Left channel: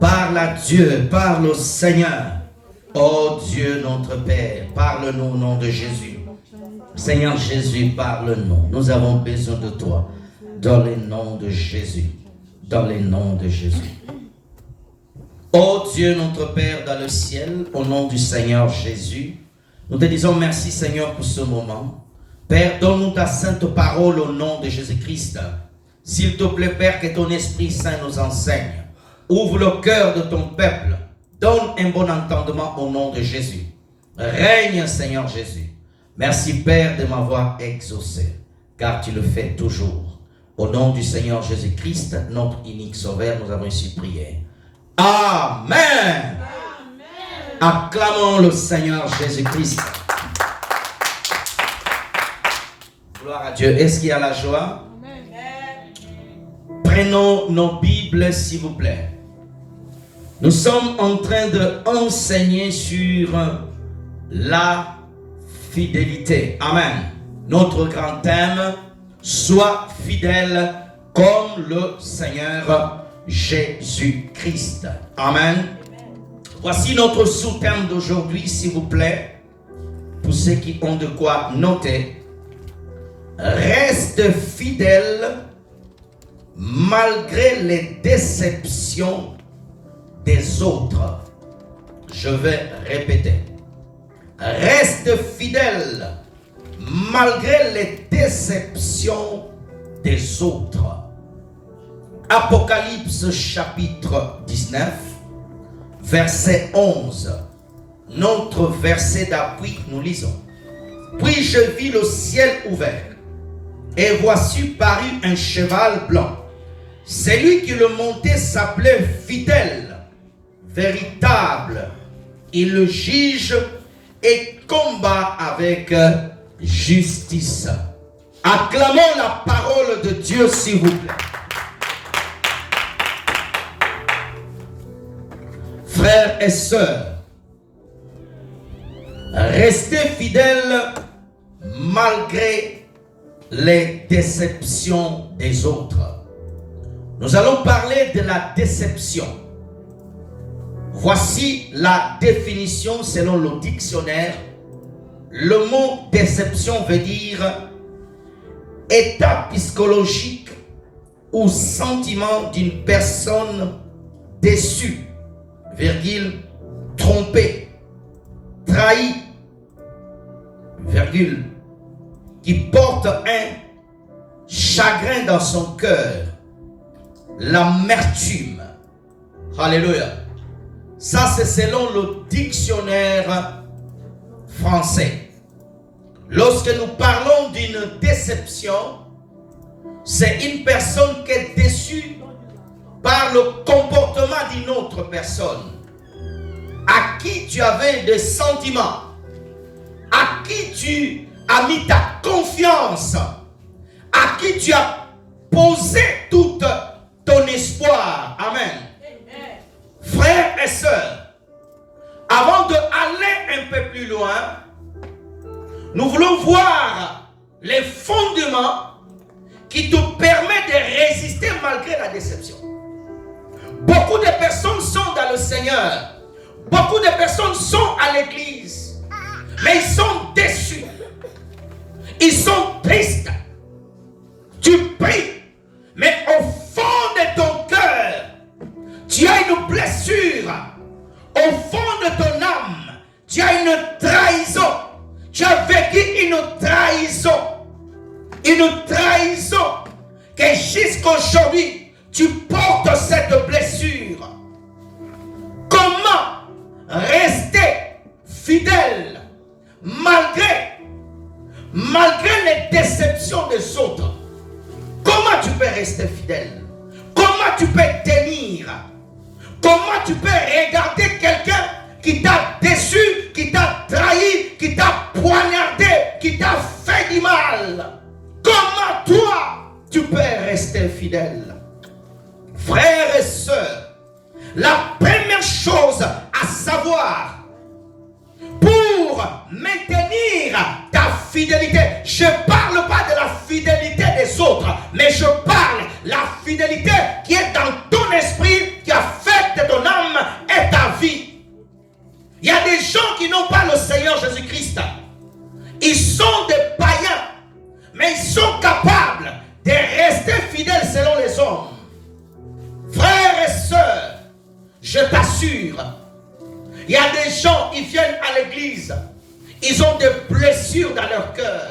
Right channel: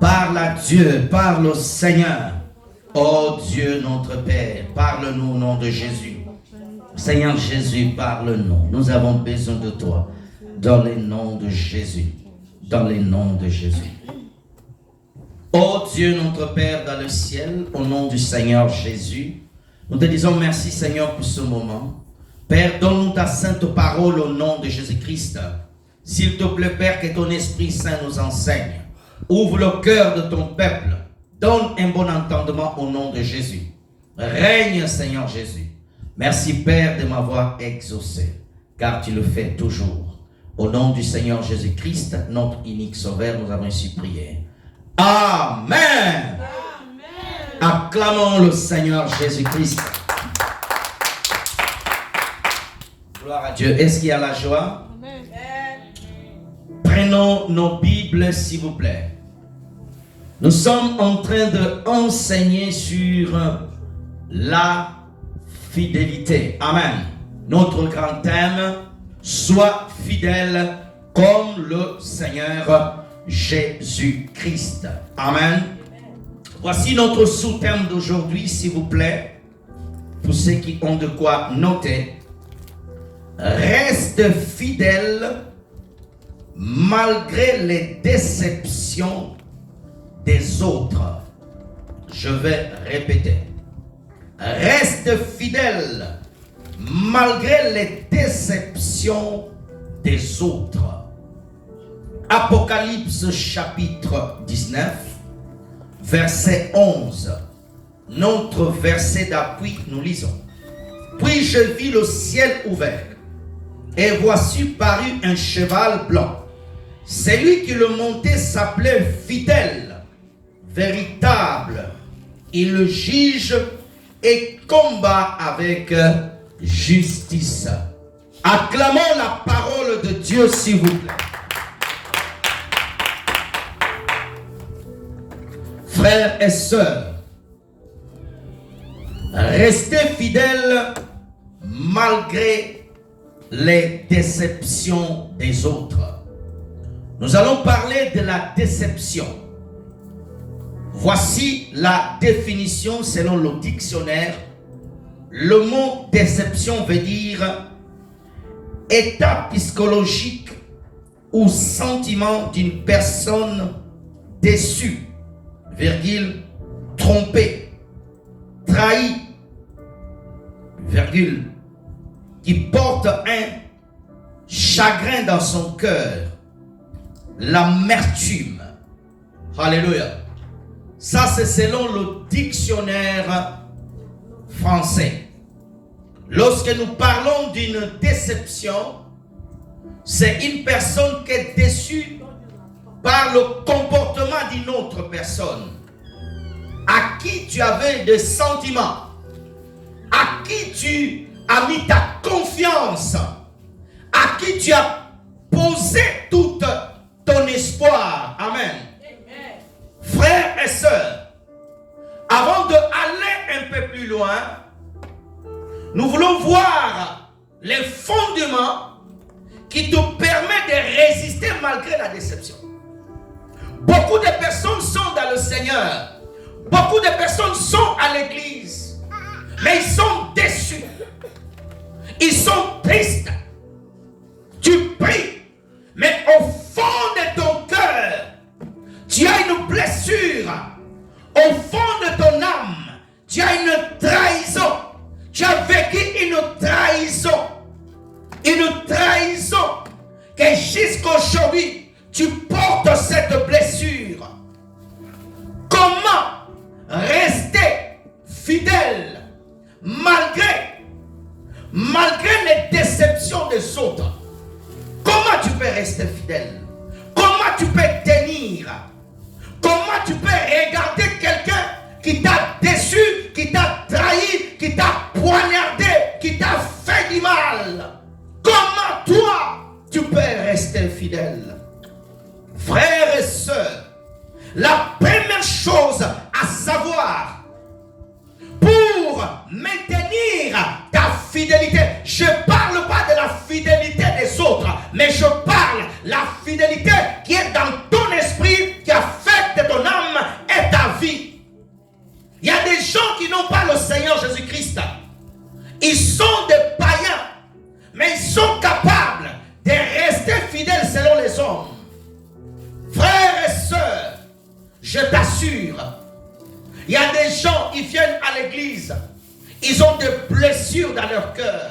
Parle à Dieu, parle au Seigneur. Oh Dieu notre Père, parle-nous au nom de Jésus. Seigneur Jésus, parle-nous. Nous avons besoin de toi. Dans le nom de Jésus. Dans le nom de Jésus. Oh Dieu notre Père dans le ciel, au nom du Seigneur Jésus, nous te disons merci Seigneur pour ce moment. Père, donne-nous ta sainte parole au nom de Jésus-Christ. S'il te plaît Père, que ton Esprit Saint nous enseigne. Ouvre le cœur de ton peuple. Donne un bon entendement au nom de Jésus. Règne Seigneur Jésus. Merci Père de m'avoir exaucé, car tu le fais toujours. Au nom du Seigneur Jésus-Christ, notre unique Sauveur, nous avons ainsi prié. Amen. Amen. Acclamons le Seigneur Jésus-Christ. Gloire à Dieu. Est-ce qu'il y a la joie? Amen. Prenons nos Bibles, s'il vous plaît. Nous sommes en train d'enseigner sur la fidélité. Amen. Notre grand thème, sois fidèle comme le Seigneur Jésus-Christ. Amen. Voici notre sous-thème d'aujourd'hui, s'il vous plaît, pour ceux qui ont de quoi noter. Reste fidèle malgré les déceptions des autres. Je vais répéter. Reste fidèle malgré les déceptions des autres. Apocalypse chapitre 19, verset 11. Notre verset d'appui, nous lisons. Puis je vis le ciel ouvert, et voici parut un cheval blanc. Celui qui le montait s'appelait Fidèle, véritable. Il le juge et combat avec justice. Acclamons la parole de Dieu, s'il vous plaît. Frères et sœurs, restez fidèles malgré les déceptions des autres. Nous allons parler de la déception. Voici la définition selon le dictionnaire. Le mot déception veut dire état psychologique ou sentiment d'une personne déçue, virgule, trompée, trahie, virgule, qui porte un chagrin dans son cœur, l'amertume. Alléluia. Ça, c'est selon le dictionnaire français. Lorsque nous parlons d'une déception, c'est une personne qui est déçue par le comportement d'une autre personne, à qui tu avais des sentiments, à qui tu as mis ta confiance, à qui tu as posé tout ton espoir. Amen. Frères et sœurs, avant d'aller un peu plus loin, nous voulons voir les fondements qui te permettent de résister malgré la déception. Beaucoup de personnes sont dans le Seigneur. Beaucoup de personnes sont à l'église. Mais ils sont déçus. Ils sont tristes. Tu pries. Mais au fond de ton cœur, tu as une blessure. Au fond de ton âme, tu as une trahison. Tu as vécu une trahison. Une trahison que jusqu'aujourd'hui, tu portes cette blessure. Comment rester fidèle malgré les déceptions des autres? Comment tu peux rester fidèle? Comment tu peux tenir? Comment tu peux regarder quelqu'un qui t'a déçu, qui t'a trahi, qui t'a poignardé, qui t'a fait du mal? Comment toi, tu peux rester fidèle? Frères et sœurs, la première chose à savoir pour maintenir ta fidélité, je ne parle pas de la fidélité des autres, mais je parle de la fidélité qui est dans ton esprit, qui a fait de ton âme Ils sont des païens, mais ils sont capables de rester fidèles selon les hommes. Frères et sœurs, je t'assure, il y a des gens, ils viennent à l'église, ils ont des blessures dans leur cœur.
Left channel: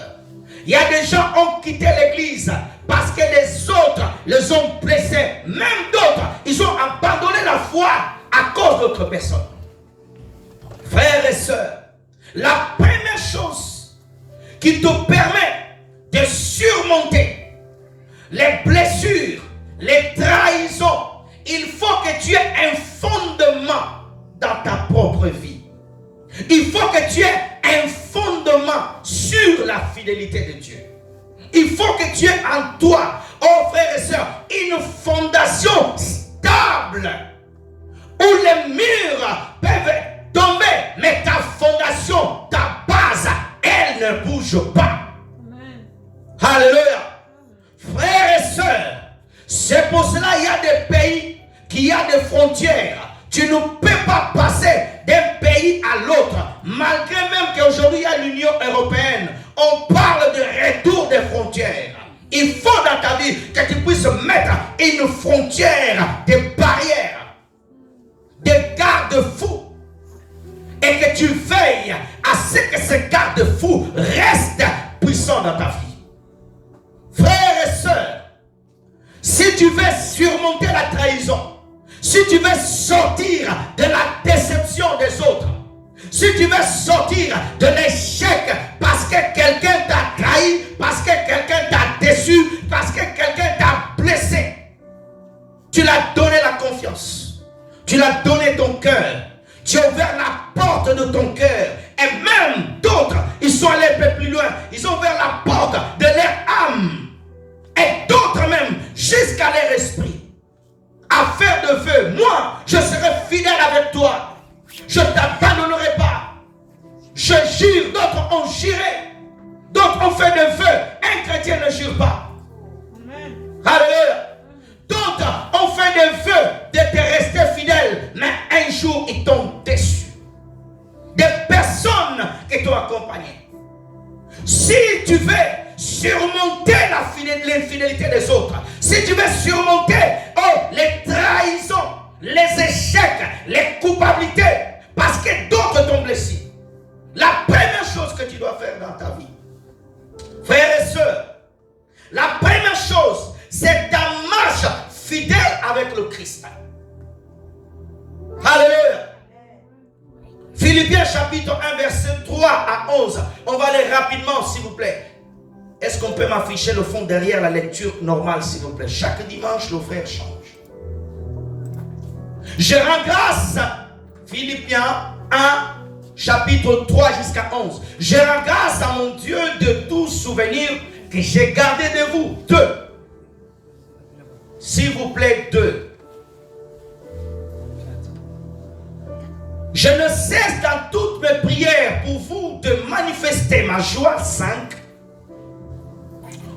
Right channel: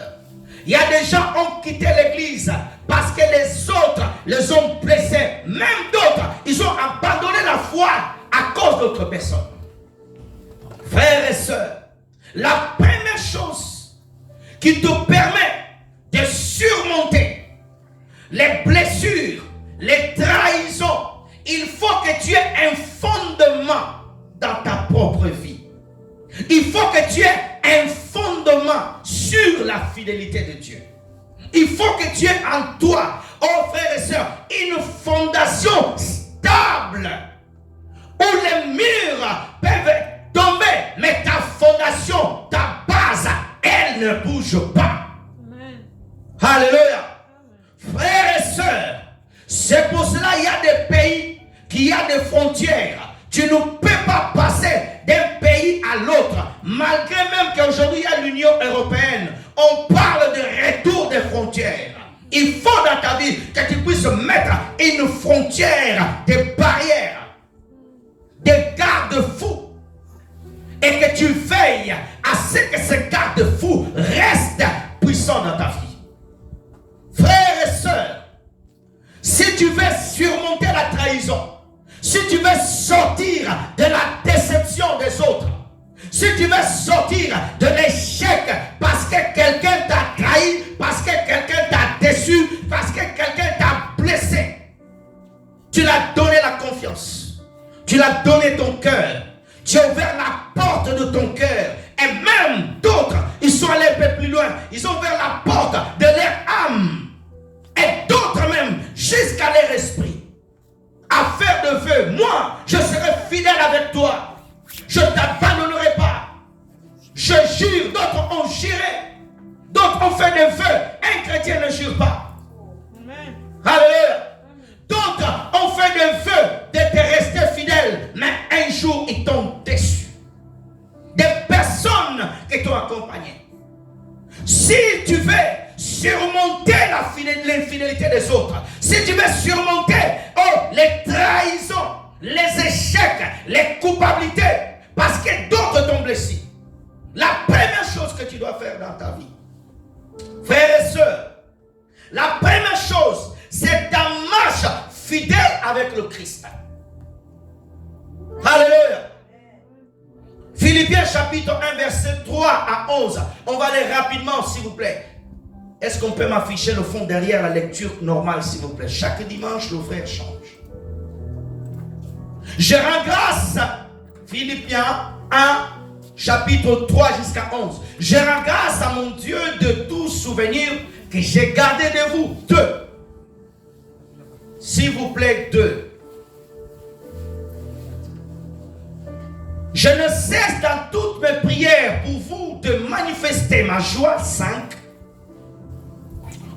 Il y a des gens qui ont quitté l'église parce que les autres les ont blessés. Même d'autres, ils ont abandonné la foi à cause d'autres personnes. Frères et sœurs, la première chose qui te permet de surmonter les blessures, les trahisons, il faut que tu aies un fondement dans ta propre vie. Il faut que tu aies un fondement sur la fidélité de Dieu. Il faut que tu aies en toi, oh frères et sœurs, une fondation stable où les murs peuvent tomber, mais ta fondation, ta base, elle ne bouge pas. Amen. Alléluia. Frères et sœurs, c'est pour cela qu'il y a des pays qui ont des frontières. Tu ne peux pas passer d'un pays à l'autre. Malgré même qu'aujourd'hui il y a l'Union européenne, on parle de retour des frontières. Il faut dans ta vie que tu puisses mettre une frontière, des barrières, des garde-fous. Et que tu veilles à ce que ces garde-fous restent puissants dans ta vie. Frères et sœurs, si tu veux surmonter la trahison, si tu veux sortir de la déception des autres, si tu veux sortir de l'échec parce que quelqu'un t'a trahi, parce que quelqu'un t'a déçu, parce que quelqu'un t'a blessé, tu l'as donné la confiance, tu l'as donné ton cœur, tu as ouvert la porte de ton cœur, et même d'autres, ils sont allés un peu plus loin, ils ont ouvert la porte de leur âme, et d'autres même jusqu'à leur esprit. À faire de vœux, moi, je serai fidèle avec toi. Je ne t'abandonnerai pas. Je jure, d'autres ont juré. D'autres ont fait des vœux. Un chrétien ne jure pas. Amen. Alléluia. D'autres ont fait des vœux de te rester fidèle. Mais un jour, ils t'ont déçu. Des personnes qui t'ont accompagné. Si tu veux surmonter l'infidélité des autres, si tu veux surmonter les trahisons, les échecs, les culpabilités, parce que d'autres t'ont blessé, la première chose que tu dois faire dans ta vie, frères et sœurs, la première chose, c'est ta marche fidèle avec le Christ. Alléluia. Philippiens chapitre 1 verset 3 à 11. On va aller rapidement s'il vous plaît. Est-ce qu'on peut m'afficher le fond derrière la lecture normale s'il vous plaît? Chaque dimanche le frère change. Je rends grâce, Philippiens 1 chapitre 3 jusqu'à 11. Je rends grâce à mon Dieu de tout souvenir que j'ai gardé de vous. 2. S'il vous plaît, 2. Je ne cesse dans toutes mes prières pour vous de manifester ma joie. 5.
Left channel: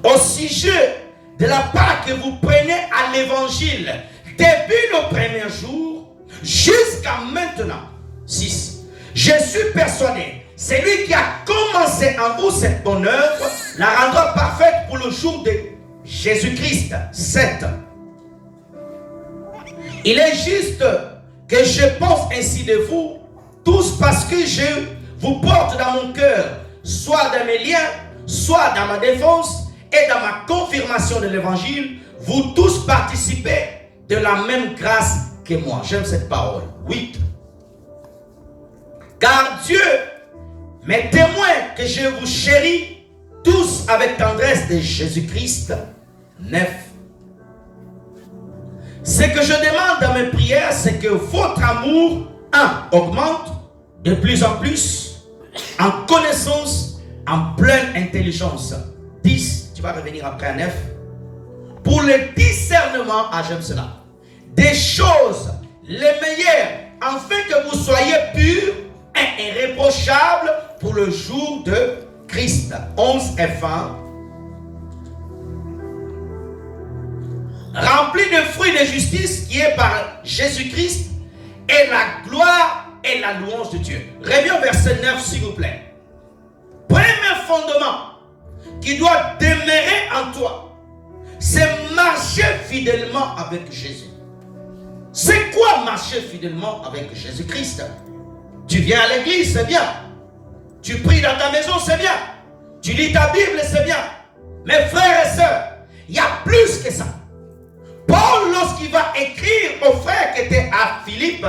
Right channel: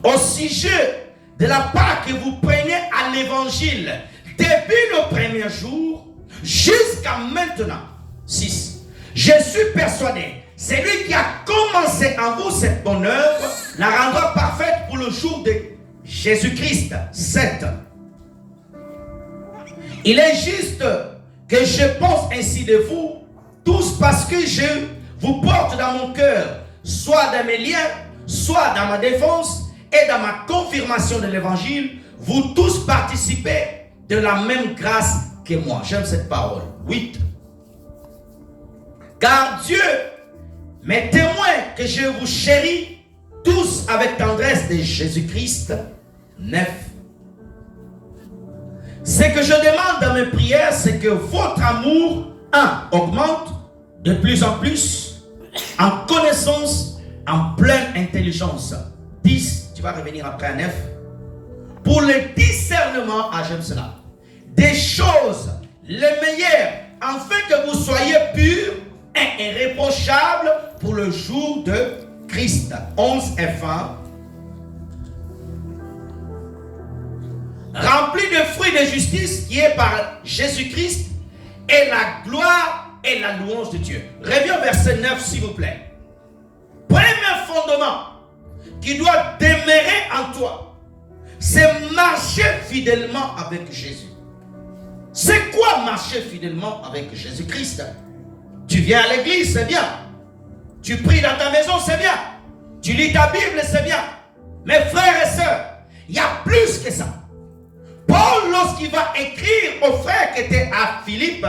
Au sujet de la part que vous prenez à l'évangile depuis le premier jour jusqu'à maintenant. 6. Je suis persuadé, celui qui a commencé en vous cette bonne œuvre la rendra parfaite pour le jour de Jésus-Christ. 7. Il est juste que je pense ainsi de vous tous parce que je vous porte dans mon cœur, soit dans mes liens, soit dans ma défense et dans ma confirmation de l'évangile. Vous tous participez de la même grâce que moi. J'aime cette parole. 8. Car Dieu m'est témoin que je vous chéris tous avec tendresse de Jésus-Christ. 9. Ce que je demande dans mes prières, c'est que votre amour, augmente de plus en plus en connaissance, en pleine intelligence. 10, tu vas revenir après à 9. Pour le discernement, j'aime cela, des choses les meilleures, afin que vous soyez purs et irréprochables pour le jour de Christ. 11 et 20. Rempli de fruits de justice qui est par Jésus-Christ et la gloire et la louange de Dieu. Reviens au verset 9 s'il vous plaît. premier fondement qui doit demeurer en toi, c'est marcher fidèlement avec Jésus. C'est quoi marcher fidèlement avec Jésus-Christ? Tu viens à l'église, c'est bien. Tu pries dans ta maison, c'est bien. Tu lis ta Bible, c'est bien. Mes frères et sœurs, il y a plus que ça. Paul, lorsqu'il va écrire aux frères qui étaient à Philippe,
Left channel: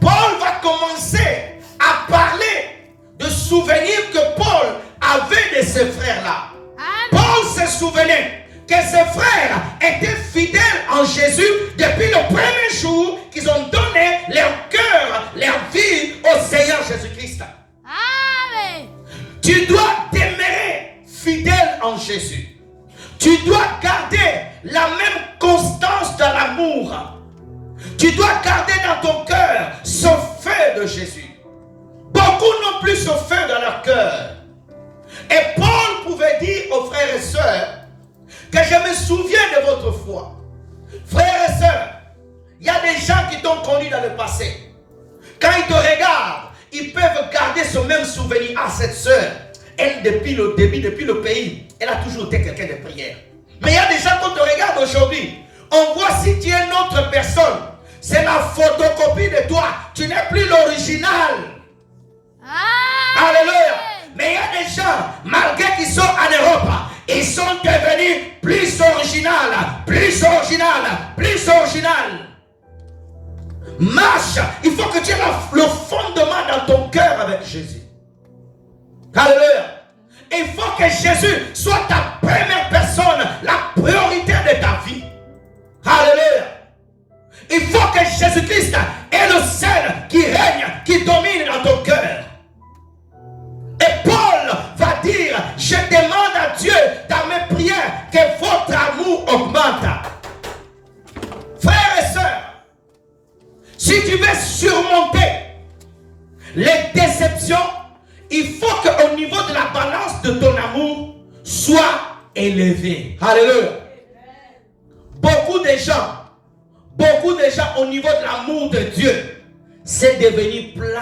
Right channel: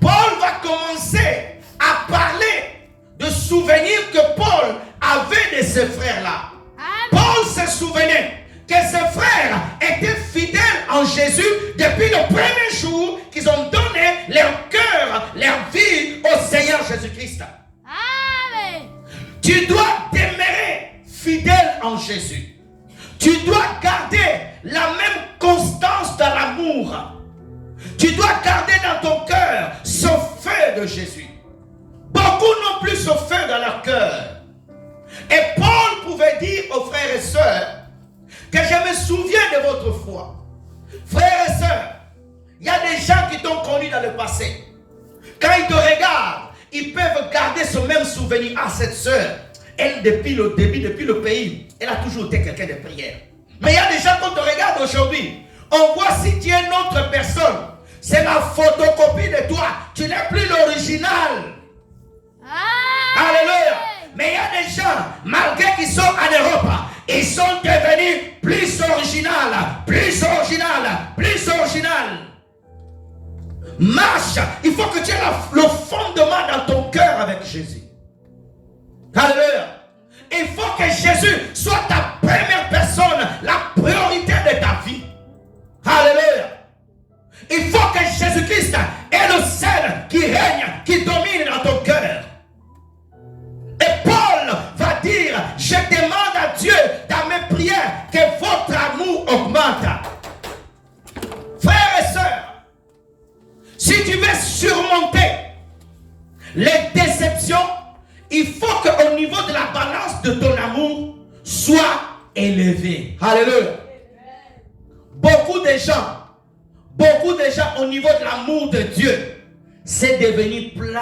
Paul va commencer à parler de souvenirs que Paul avait de ses frères-là. Paul se souvenait que ses frères étaient fidèles en Jésus depuis le premier jour qu'ils ont donné leur cœur, leur vie au Seigneur Jésus-Christ. Amen. Tu dois demeurer fidèle en Jésus. Tu dois garder la même constance dans l'amour. Tu dois garder dans ton cœur ce feu de Jésus. Beaucoup n'ont plus ce feu dans leur cœur. Et Paul pouvait dire aux frères et sœurs que je me souviens de votre foi. Frères et sœurs, il y a des gens qui t'ont connu dans le passé. Quand ils te regardent, ils peuvent garder ce même souvenir. Ah, cette sœur, elle, depuis le début, depuis le pays, elle a toujours été quelqu'un de prière. Mais il y a des gens qui te regardent aujourd'hui. On voit si tu es une autre personne. C'est la photocopie de toi. Tu n'es plus l'original. Alléluia. Mais il y a des gens, malgré qu'ils sont en Europe, ils sont devenus plus original, plus original, plus original. Marche. Il faut que tu aies le fondement dans ton cœur avec Jésus. Alléluia. Il faut que Jésus soit ta première personne, la priorité de ta vie. Alléluia. Il faut que Jésus-Christ est le seul qui règne, qui domine dans ton cœur. Et Paul va dire, je demande à Dieu dans mes prières que votre amour augmente. Frères et sœurs, si tu veux surmonter les déceptions, il faut qu'au niveau de la balance de ton amour soit élevé. Alléluia. Beaucoup de gens au niveau de l'amour de Dieu, c'est devenu plat.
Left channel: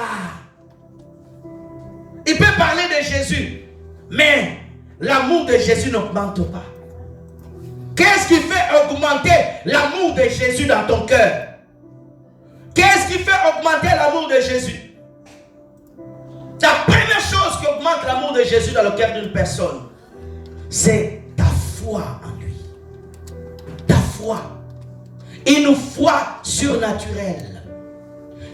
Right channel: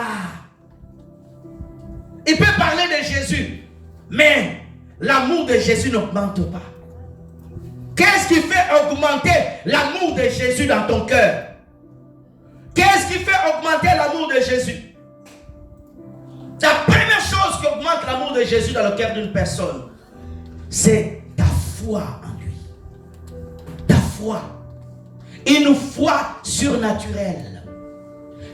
Il peut parler de Jésus, mais l'amour de Jésus n'augmente pas. Qu'est-ce qui fait augmenter l'amour de Jésus dans ton cœur? Qu'est-ce qui fait augmenter l'amour de Jésus? La première chose qui augmente l'amour de Jésus dans le cœur d'une personne, c'est ta foi en lui. Ta foi. Une foi surnaturelle.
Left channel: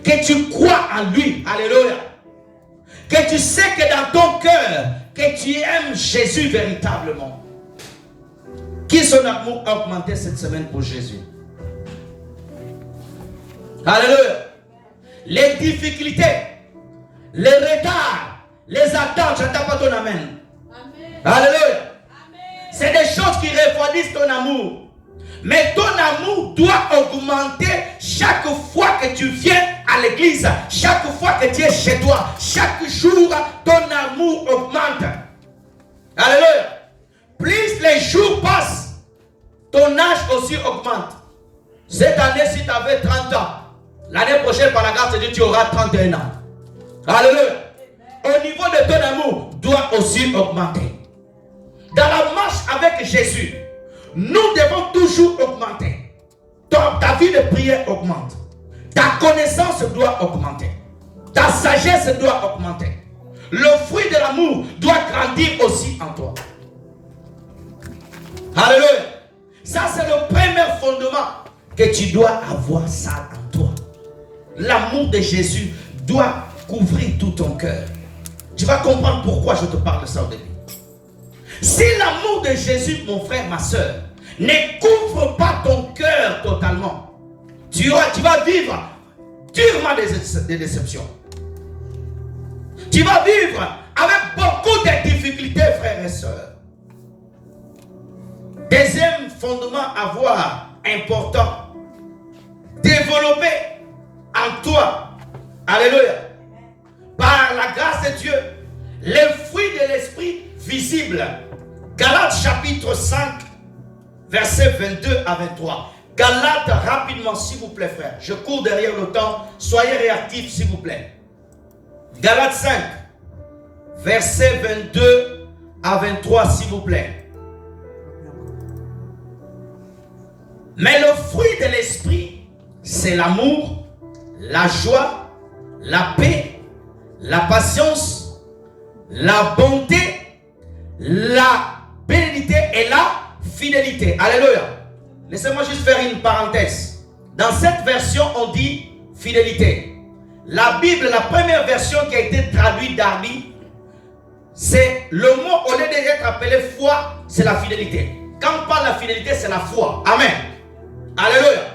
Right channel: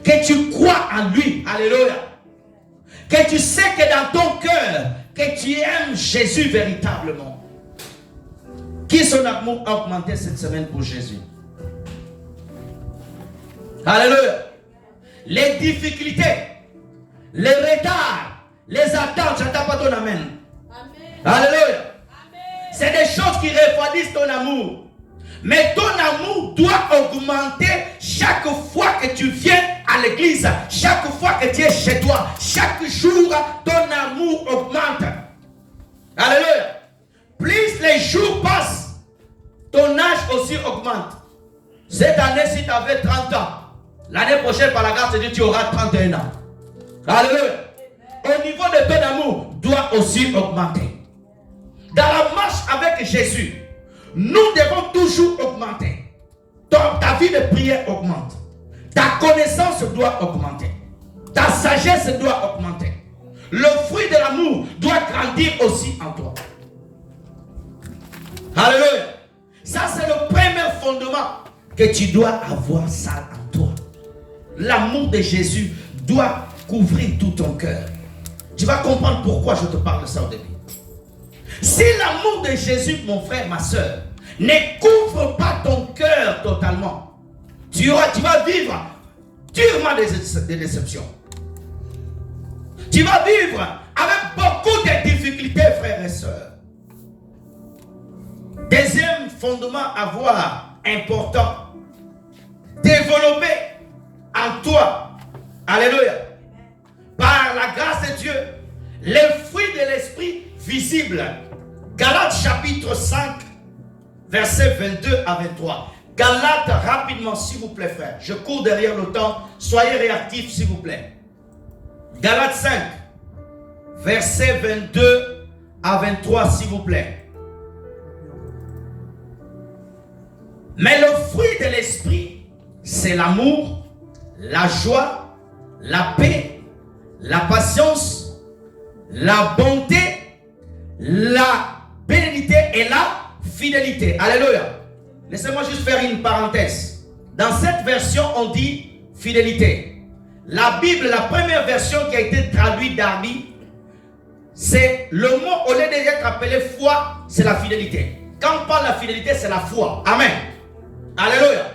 Que tu crois en lui. Alléluia. Que tu sais que dans ton cœur, que tu aimes Jésus véritablement. Qui son amour a augmenté cette semaine pour Jésus? Alléluia. Les difficultés, les retards, les attentes, je n'entends pas ton amen. Alléluia. C'est des choses qui refroidissent ton amour. Mais ton amour doit augmenter chaque fois que tu viens à l'église, chaque fois que tu es chez toi, chaque jour, ton amour augmente. Alléluia. Plus les jours passent, ton âge aussi augmente. Cette année, si tu avais 30 ans, l'année prochaine, par la grâce de Dieu, tu auras 31 ans. Alléluia. Au niveau de ton amour, doit aussi augmenter. Dans la marche avec Jésus, nous devons toujours augmenter. Ta vie de prière augmente. Ta connaissance doit augmenter. Ta sagesse doit augmenter. Le fruit de l'amour doit grandir aussi en toi. Alléluia. Ça, c'est le premier fondement que tu dois avoir ça en toi. L'amour de Jésus doit couvrir tout ton cœur. Tu vas comprendre pourquoi je te parle de ça au début. Si l'amour de Jésus, mon frère, ma soeur, ne couvre pas ton cœur totalement, tu vas vivre durement des déceptions. Tu vas vivre avec beaucoup de difficultés, frères et sœurs. Deuxième fondement à voir important, développer en toi, alléluia, par la grâce de Dieu, les fruits de l'esprit visibles. Galates chapitre 5, versets 22 à 23. Galates, rapidement, s'il vous plaît, frère. Je cours derrière le temps. Soyez réactifs, s'il vous plaît. Galates 5, versets 22 à 23, s'il vous plaît. Mais le fruit de l'esprit, c'est l'amour, la joie, la paix, la patience, la bonté, la bénédiction et la fidélité. Alléluia. Laissez-moi juste faire une parenthèse. Dans cette version, on dit fidélité. La Bible, la première version qui a été traduite d'Arby, c'est le mot, au lieu d'être appelé foi, c'est la fidélité. Quand on parle de la fidélité, c'est la foi. Amen. Alléluia.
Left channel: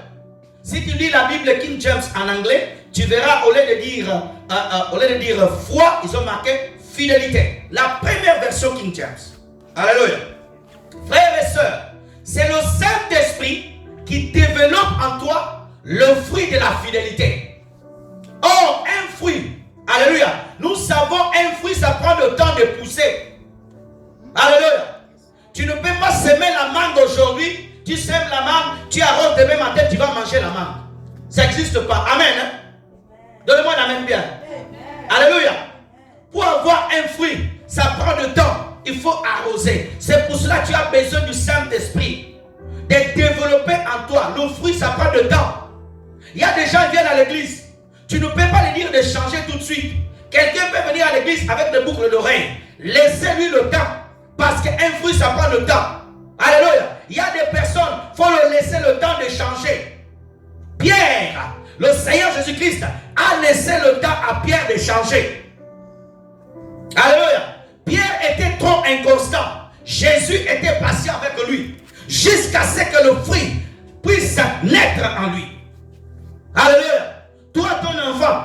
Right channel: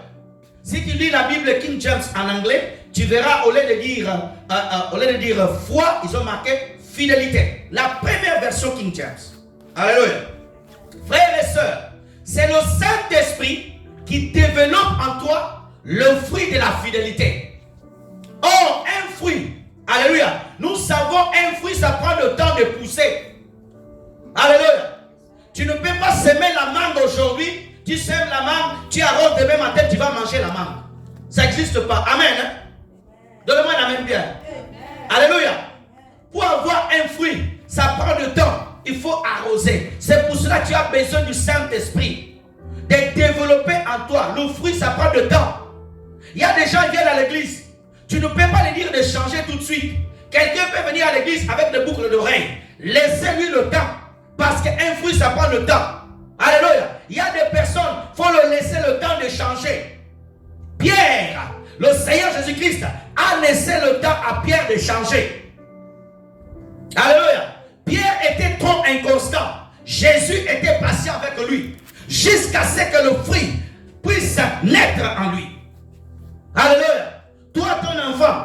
Si tu lis la Bible King James en anglais, tu verras, au lieu de dire foi, ils ont marqué fidélité. La première version King James. Alléluia. Frères et sœurs, c'est le Saint-Esprit qui développe en toi le fruit de la fidélité. Or, un fruit, alléluia, nous savons un fruit, ça prend le temps de pousser. Alléluia. Tu ne peux pas semer la mangue aujourd'hui, tu sèmes la mangue, tu arroses demain matin, tu vas manger la mangue. Ça n'existe pas. Amen. Hein? Donne-moi un amen bien. Alléluia. Pour avoir un fruit, ça prend du temps. Il faut arroser. C'est pour cela que tu as besoin du Saint-Esprit. De développer en toi. Le fruit, ça prend du temps. Il y a des gens qui viennent à l'église. Tu ne peux pas les dire de changer tout de suite. Quelqu'un peut venir à l'église avec des boucles d'oreilles. Laissez-lui le temps. Parce qu'un fruit, ça prend le temps. Alléluia. Il y a des personnes, il faut leur laisser le temps de changer. Pierre, le Seigneur Jésus-Christ, a laissé le temps à Pierre de changer. Alléluia. Pierre était trop inconstant. Jésus était patient avec lui. Jusqu'à ce que le fruit puisse naître en lui. Alléluia. Toi, ton enfant,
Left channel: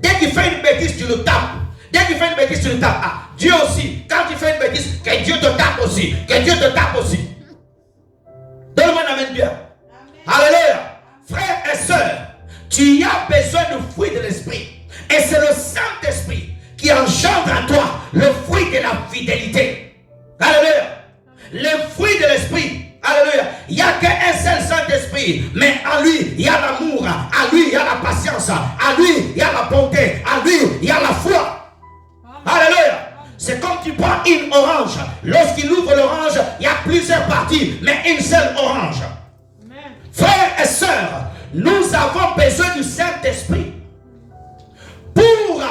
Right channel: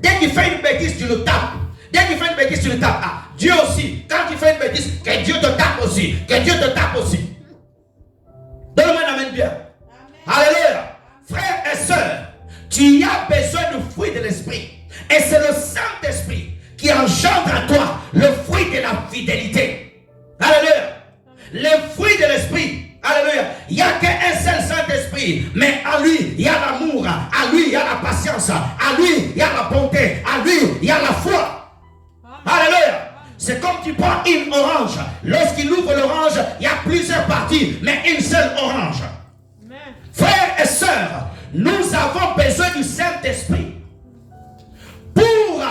dès qu'il fait une bêtise, tu le tapes. Dès qu'il fait une bêtise, tu le tapes. Ah, Dieu aussi, quand il fait une bêtise, que Dieu te tape aussi. Que Dieu te tape aussi. Donne-moi un amen bien. Amen. Alléluia. Frères et sœurs, tu as besoin du fruit de l'esprit. Et c'est le Saint-Esprit qui engendre en toi le fruit de la fidélité. Alléluia. Le fruit de l'esprit. Alléluia. Il n'y a qu'un seul Saint-Esprit. Mais en lui, il y a l'amour. En lui, il y a la patience. En lui, il y a la bonté. En lui, il y a la foi. Alléluia. C'est comme tu prends une orange. Lorsqu'il ouvre l'orange, il y a plusieurs parties, mais une seule orange. Amen. Frères et sœurs, nous avons besoin du Saint-Esprit pour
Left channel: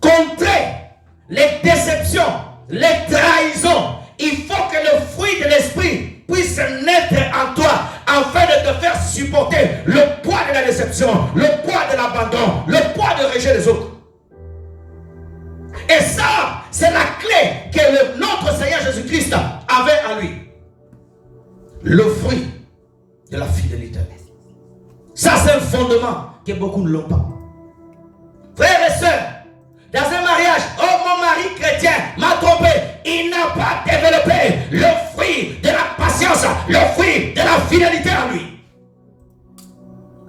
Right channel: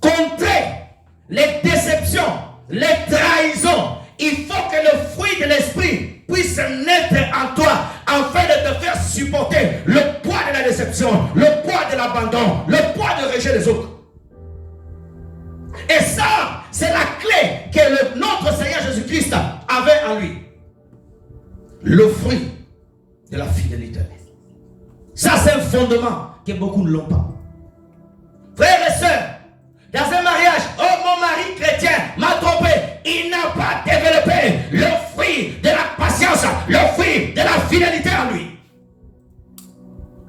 contrer les déceptions, les trahisons. Il faut que le fruit de l'esprit puisse naître en toi afin de te faire supporter le poids de la déception, le poids de l'abandon, le poids de rejet des autres. Et ça, c'est la clé que notre Seigneur Jésus-Christ avait en lui. Le fruit de la fidélité. Ça, c'est un fondement que beaucoup ne l'ont pas. Frères et sœurs, dans un mariage, oh mon mari chrétien m'a trompé. Il n'a pas développé le fruit de la patience, le fruit de la fidélité en lui.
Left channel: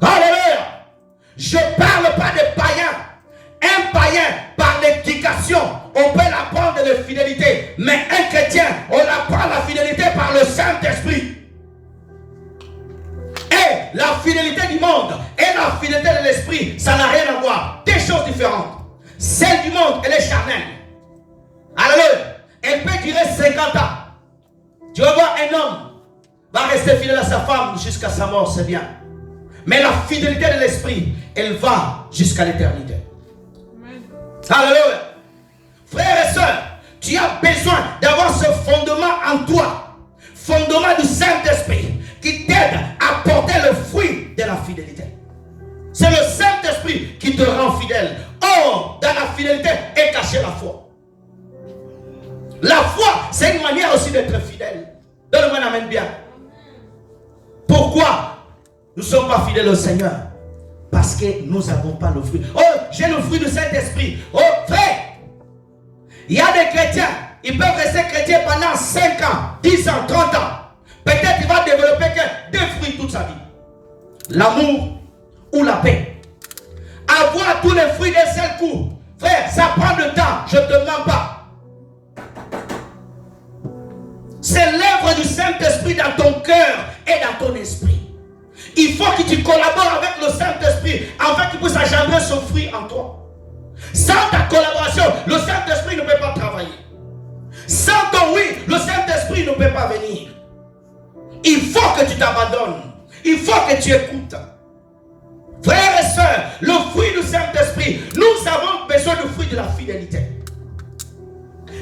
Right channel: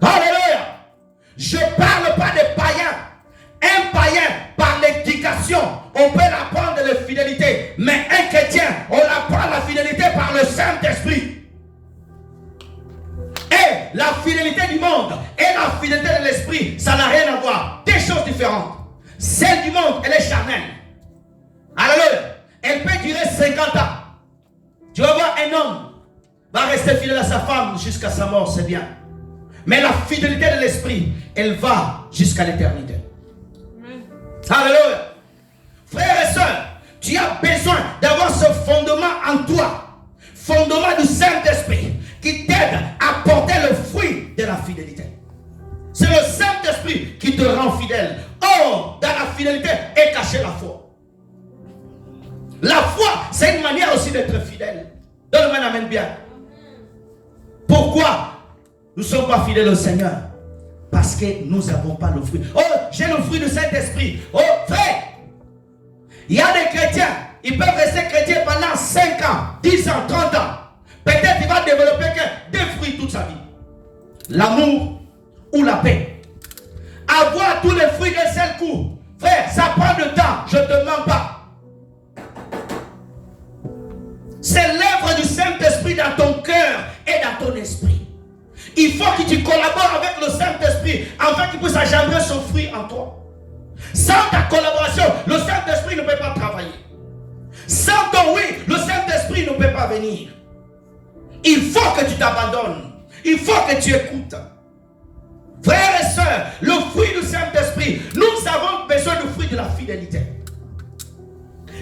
Alléluia. Je ne parle pas de païens. Un païen, par l'éducation, on peut l'apprendre de la fidélité. Mais un chrétien, on apprend la fidélité par le Saint-Esprit. Et la fidélité du monde et la fidélité de l'esprit, ça n'a rien à voir. Deux choses différentes. Celle du monde, elle est charnelle. Alléluia. Elle peut durer 50 ans. Tu vas voir un homme va rester fidèle à sa femme jusqu'à sa mort, c'est bien. Mais la fidélité de l'esprit, elle va jusqu'à l'éternité. Alléluia. Frères et sœurs, tu as besoin d'avoir ce fondement en toi. Fondement du Saint-Esprit qui t'aide à porter le fruit de la fidélité. C'est le Saint-Esprit qui te rend fidèle. Or, dans la fidélité est cachée la foi. La foi, c'est une manière aussi d'être fidèle. Donne-moi un amen bien. Pourquoi nous ne sommes pas fidèles au Seigneur? Parce que nous n'avons pas le fruit. Oh, j'ai le fruit de Saint-Esprit. Oh, frère, il y a des chrétiens, ils peuvent rester chrétiens pendant 5 ans, 10 ans, 30 ans. Peut-être qu'il va développer que 2 fruits toute sa vie. L'amour ou la paix. Avoir tous les fruits d'un seul coup. Frère, ça prend du temps, je ne te mens pas. C'est l'œuvre du Saint-Esprit dans ton cœur et dans ton esprit. Il faut que tu collabores avec le Saint-Esprit afin qu'il puisse engendrer son fruit en toi. Sans ta collaboration, le Saint-Esprit ne peut pas travailler. Sans ton oui, le Saint-Esprit ne peut pas venir. Il faut que tu t'abandonnes. Il faut que tu écoutes. Frères et sœurs, le fruit du Saint-Esprit, nous avons besoin du fruit de la fidélité.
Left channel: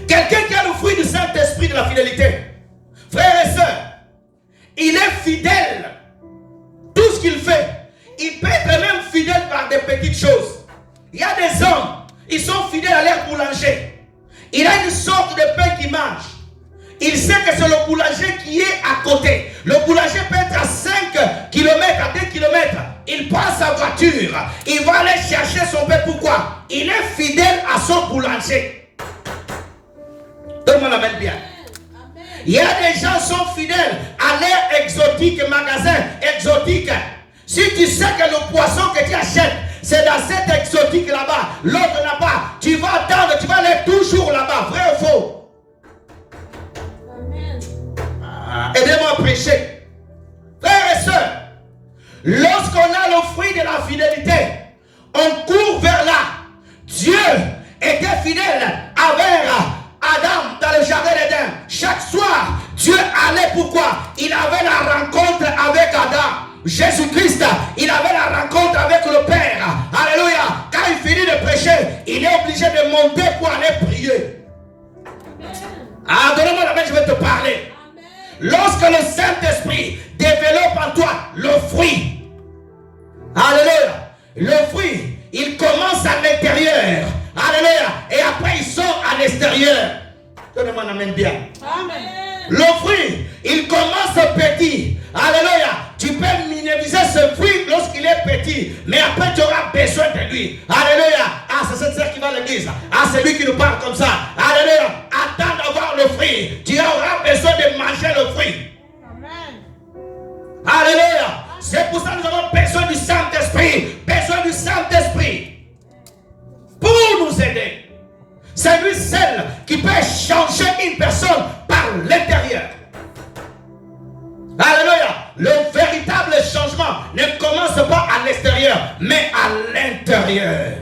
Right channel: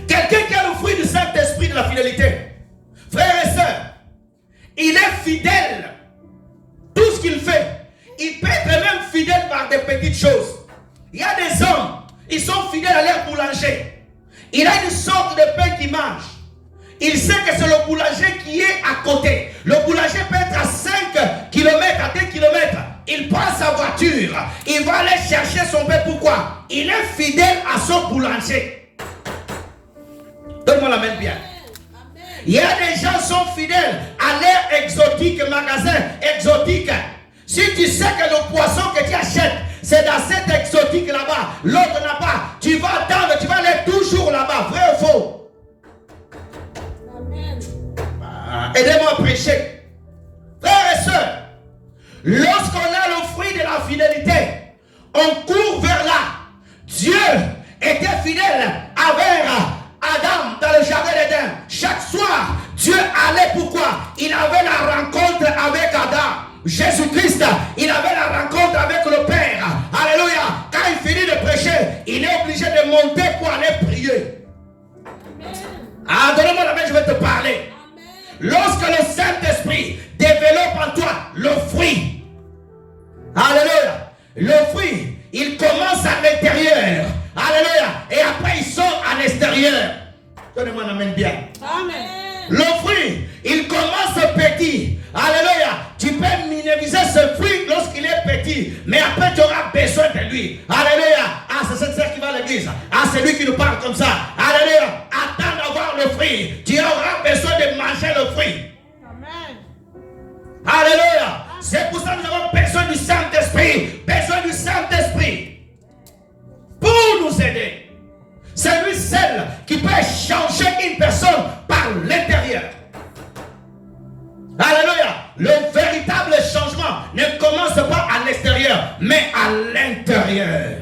Quelqu'un qui a le fruit du Saint-Esprit de la fidélité, frères et sœurs, il est fidèle. Tout ce qu'il fait, il peut être même fidèle par des petites choses. Il y a des hommes, ils sont fidèles à leur boulanger. Il a une sorte de pain qu'il mange. Il sait que c'est le boulanger qui est à côté. Le boulanger peut être à 5 km, à 2 km. Il prend sa voiture. Il va aller chercher son pain. Pourquoi? Il est fidèle à son boulanger. Donne-moi la main bien. Il y a des gens qui sont fidèles à leur exotique, magasin exotique. Si tu sais que le poisson que tu achètes, c'est dans cet exotique là-bas, l'autre là-bas, tu vas attendre, tu vas aller toujours là-bas. Vrai ou faux? Aidez-moi à prêcher. Frères et sœurs, lorsqu'on a le fruit de la fidélité, on court vers là. Dieu était fidèle avec Adam dans le jardin d'Éden. Chaque soir, Dieu allait pourquoi? Il avait la rencontre avec Adam. Jésus-Christ, il avait la rencontre avec le Père. Alléluia. Quand il finit de prêcher, il est obligé de monter pour aller prier. Ah, donne-moi la main, je vais te parler. Lorsque le Saint-Esprit développe en toi le fruit, alléluia, le fruit, il commence à l'intérieur, alléluia, et après il sort à l'extérieur. Donnez-moi la main bien. Amen. Le fruit, il commence petit, alléluia. Tu peux minimiser ce fruit lorsqu'il est petit, mais après tu auras besoin de lui. Alléluia. Ah, c'est cette sœur qui va à l'église. Ah, c'est lui qui nous parle comme ça. Alléluia. Attends d'avoir le fruit. Tu auras besoin de manger le fruit. Amen. Alléluia. C'est pour ça que nous avons besoin du Saint-Esprit. Besoin du Saint-Esprit. Pour nous aider. C'est lui seul qui peut changer une personne par l'intérieur. Alléluia. Le véritable changement ne commence pas à l'extérieur, mais à l'intérieur.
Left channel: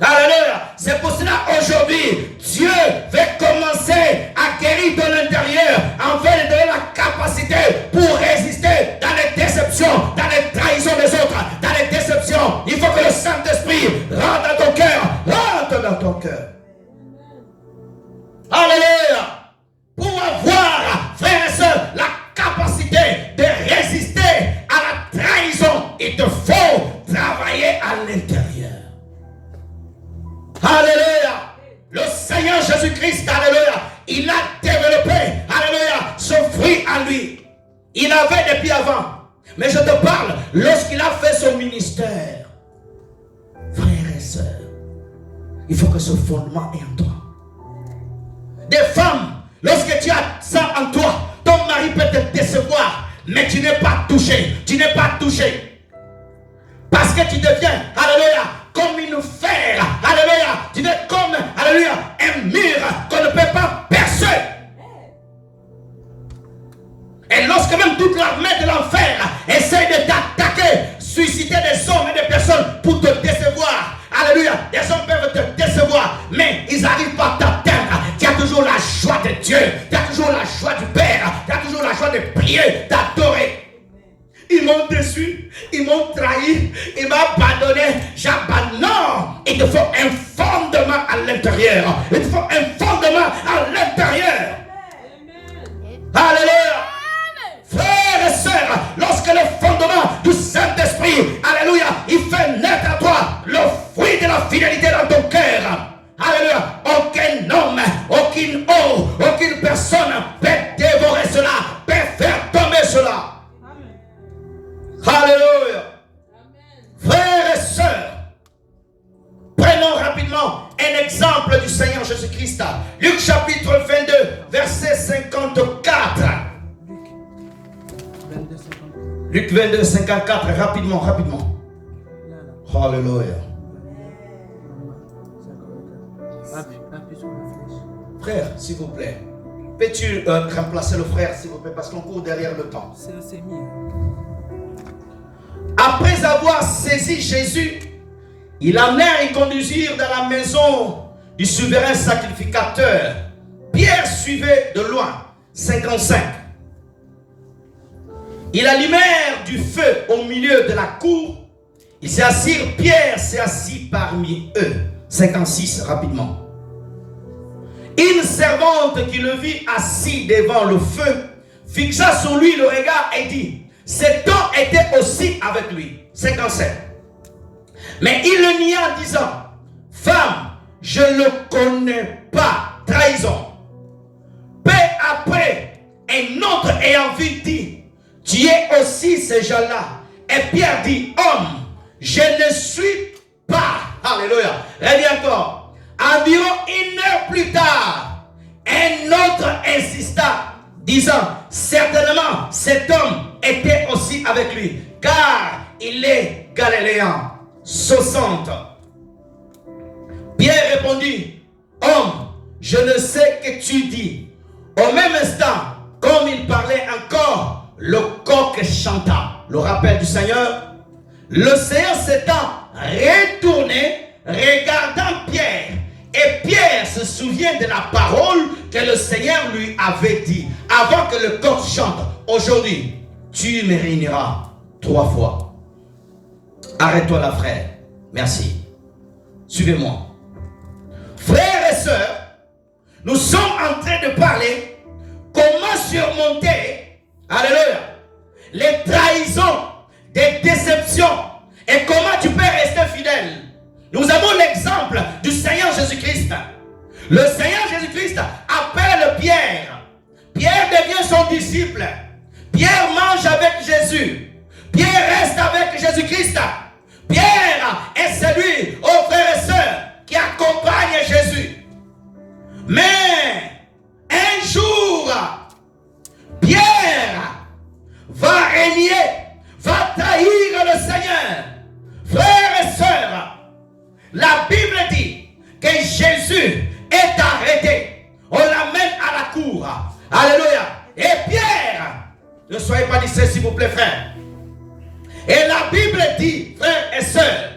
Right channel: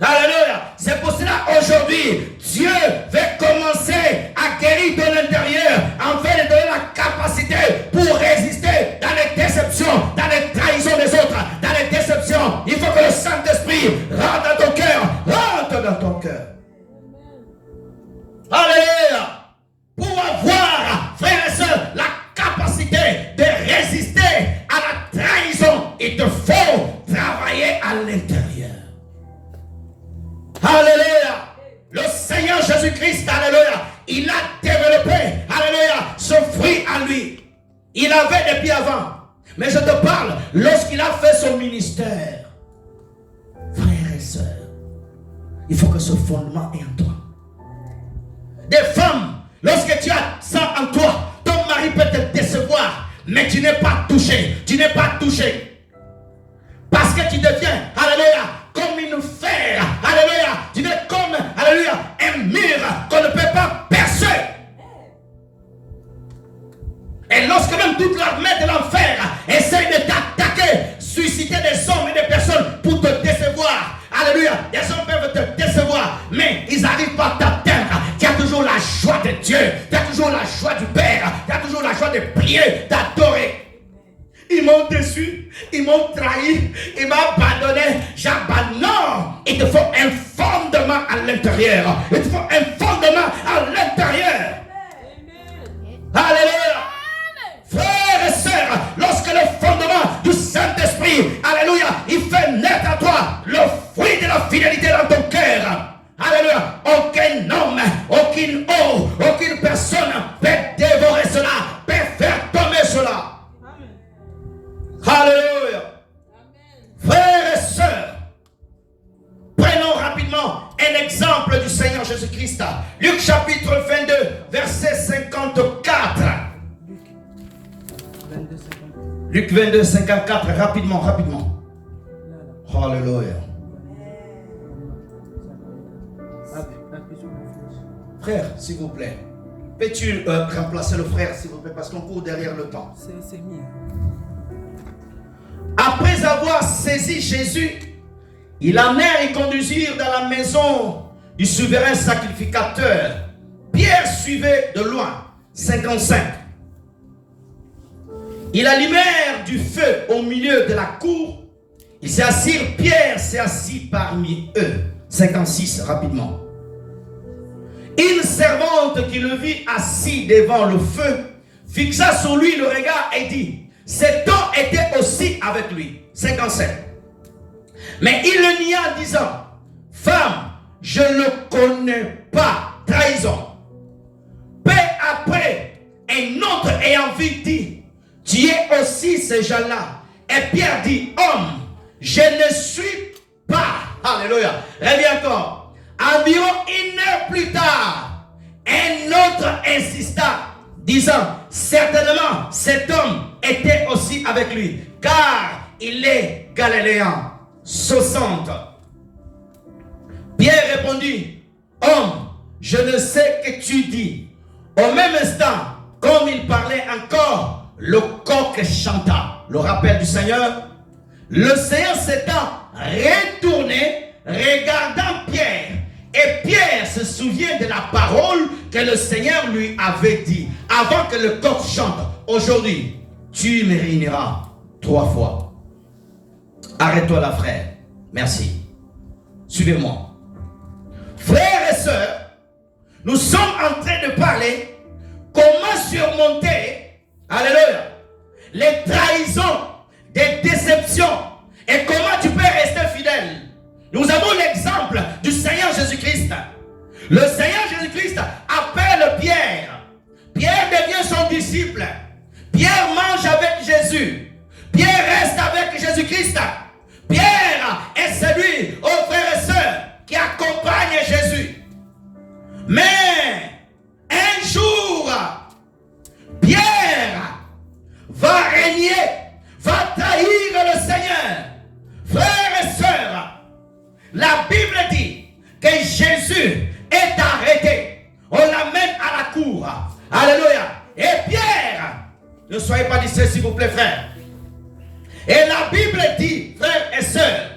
Alléluia. C'est pour cela aujourd'hui, Dieu veut commencer à guérir de l'intérieur, afin de donner la capacité pour résister dans les déceptions, dans les trahisons des autres, dans les déceptions. Il faut que le Saint-Esprit rentre dans ton cœur, rentre dans ton cœur. Alléluia. Pour avoir, frères et sœurs, la capacité de résister à la trahison, il te faut travailler à l'intérieur. Alléluia. Le Seigneur Jésus-Christ, alléluia, il a développé, alléluia, ce fruit en lui. Il avait depuis avant. Mais je te parle, lorsqu'il a fait son ministère, frères et sœurs, il faut que ce fondement est en toi. Des femmes, lorsque tu as ça en toi, ton mari peut te décevoir, mais tu n'es pas touché. Tu n'es pas touché. Parce que tu deviens, alléluia, comme une fer, alléluia, tu es comme, alléluia, un mur qu'on ne peut pas percer. Et lorsque même toute l'armée de l'enfer essaie de t'attaquer, susciter des hommes et des personnes pour te décevoir, alléluia, des hommes peuvent te décevoir, mais ils n'arrivent pas à t'atteindre. Tu as toujours la joie de Dieu, tu as toujours la joie du Père, tu as toujours la joie de prier, d'adorer. Ils m'ont déçu, ils m'ont trahi, ils m'ont abandonné. J'abandonne. Il te faut un fondement à l'intérieur. Il te faut un fondement à l'intérieur. Alléluia. Frères et sœurs, lorsque le fondement du Saint-Esprit, alléluia, il fait naître à toi le fruit de la fidélité dans ton cœur. Alléluia. Aucun homme, aucune eau, aucune personne peut dévorer cela, peut faire tomber cela. Alléluia. Frères et sœurs, prenons rapidement un exemple du Seigneur Jésus-Christ. Luc chapitre 22, verset 54. Luc 22, 54, rapidement. Alléluia. Frère, s'il vous plaît, peux-tu remplacer le frère, s'il vous plaît, parce qu'on court derrière le temps. C'est le Seigneur. Après avoir saisi Jésus, Ils l'amenèrent et conduisirent dans la maison du souverain sacrificateur. Pierre suivait de loin. 55. Ils allumèrent du feu au milieu de la cour. Ils s'assirent. Pierre s'est assis parmi eux. 56, rapidement. Une servante qui le vit assis devant le feu fixa sur lui le regard et dit: cet homme était aussi avec lui. 57. Mais il le nia, disant: femme, je ne le connais pas. Trahison. Peu après, un autre ayant vu dit: tu es aussi ces gens-là. Et Pierre dit: homme, je ne suis pas. Alléluia. Reviens encore. Environ 1 heure plus tard, un autre insista, disant: certainement cet homme était aussi avec lui, car il est galiléen. 60. Pierre répondit: homme, je ne sais que tu dis. Au même instant, comme il parlait encore, le coq chanta. Le rappel du Seigneur. Le Seigneur s'étant retourné, regardant Pierre, et Pierre se souvient de la parole que le Seigneur lui avait dit avant que le coq chante: aujourd'hui, tu me réuniras 3 fois. Arrête-toi là, frère. Merci. Suivez-moi. Frères et sœurs, nous sommes en train de parler comment surmonter, alléluia, les trahisons, des déceptions, et comment tu peux rester fidèle. Nous avons l'exemple du Seigneur Jésus-Christ. Le Seigneur Jésus-Christ appelle Pierre. Pierre devient son disciple. Pierre mange avec Jésus. Pierre reste avec Jésus-Christ. Pierre est celui, oh frères et sœurs, qui accompagne Jésus. Mais un jour, Pierre va régner, va trahir le Seigneur. Frères et sœurs, la Bible dit que Jésus est arrêté. On l'amène à la cour. Alléluia. Et Pierre, ne soyez pas distraits s'il vous plaît, frère. Et la Bible dit, frères et sœurs,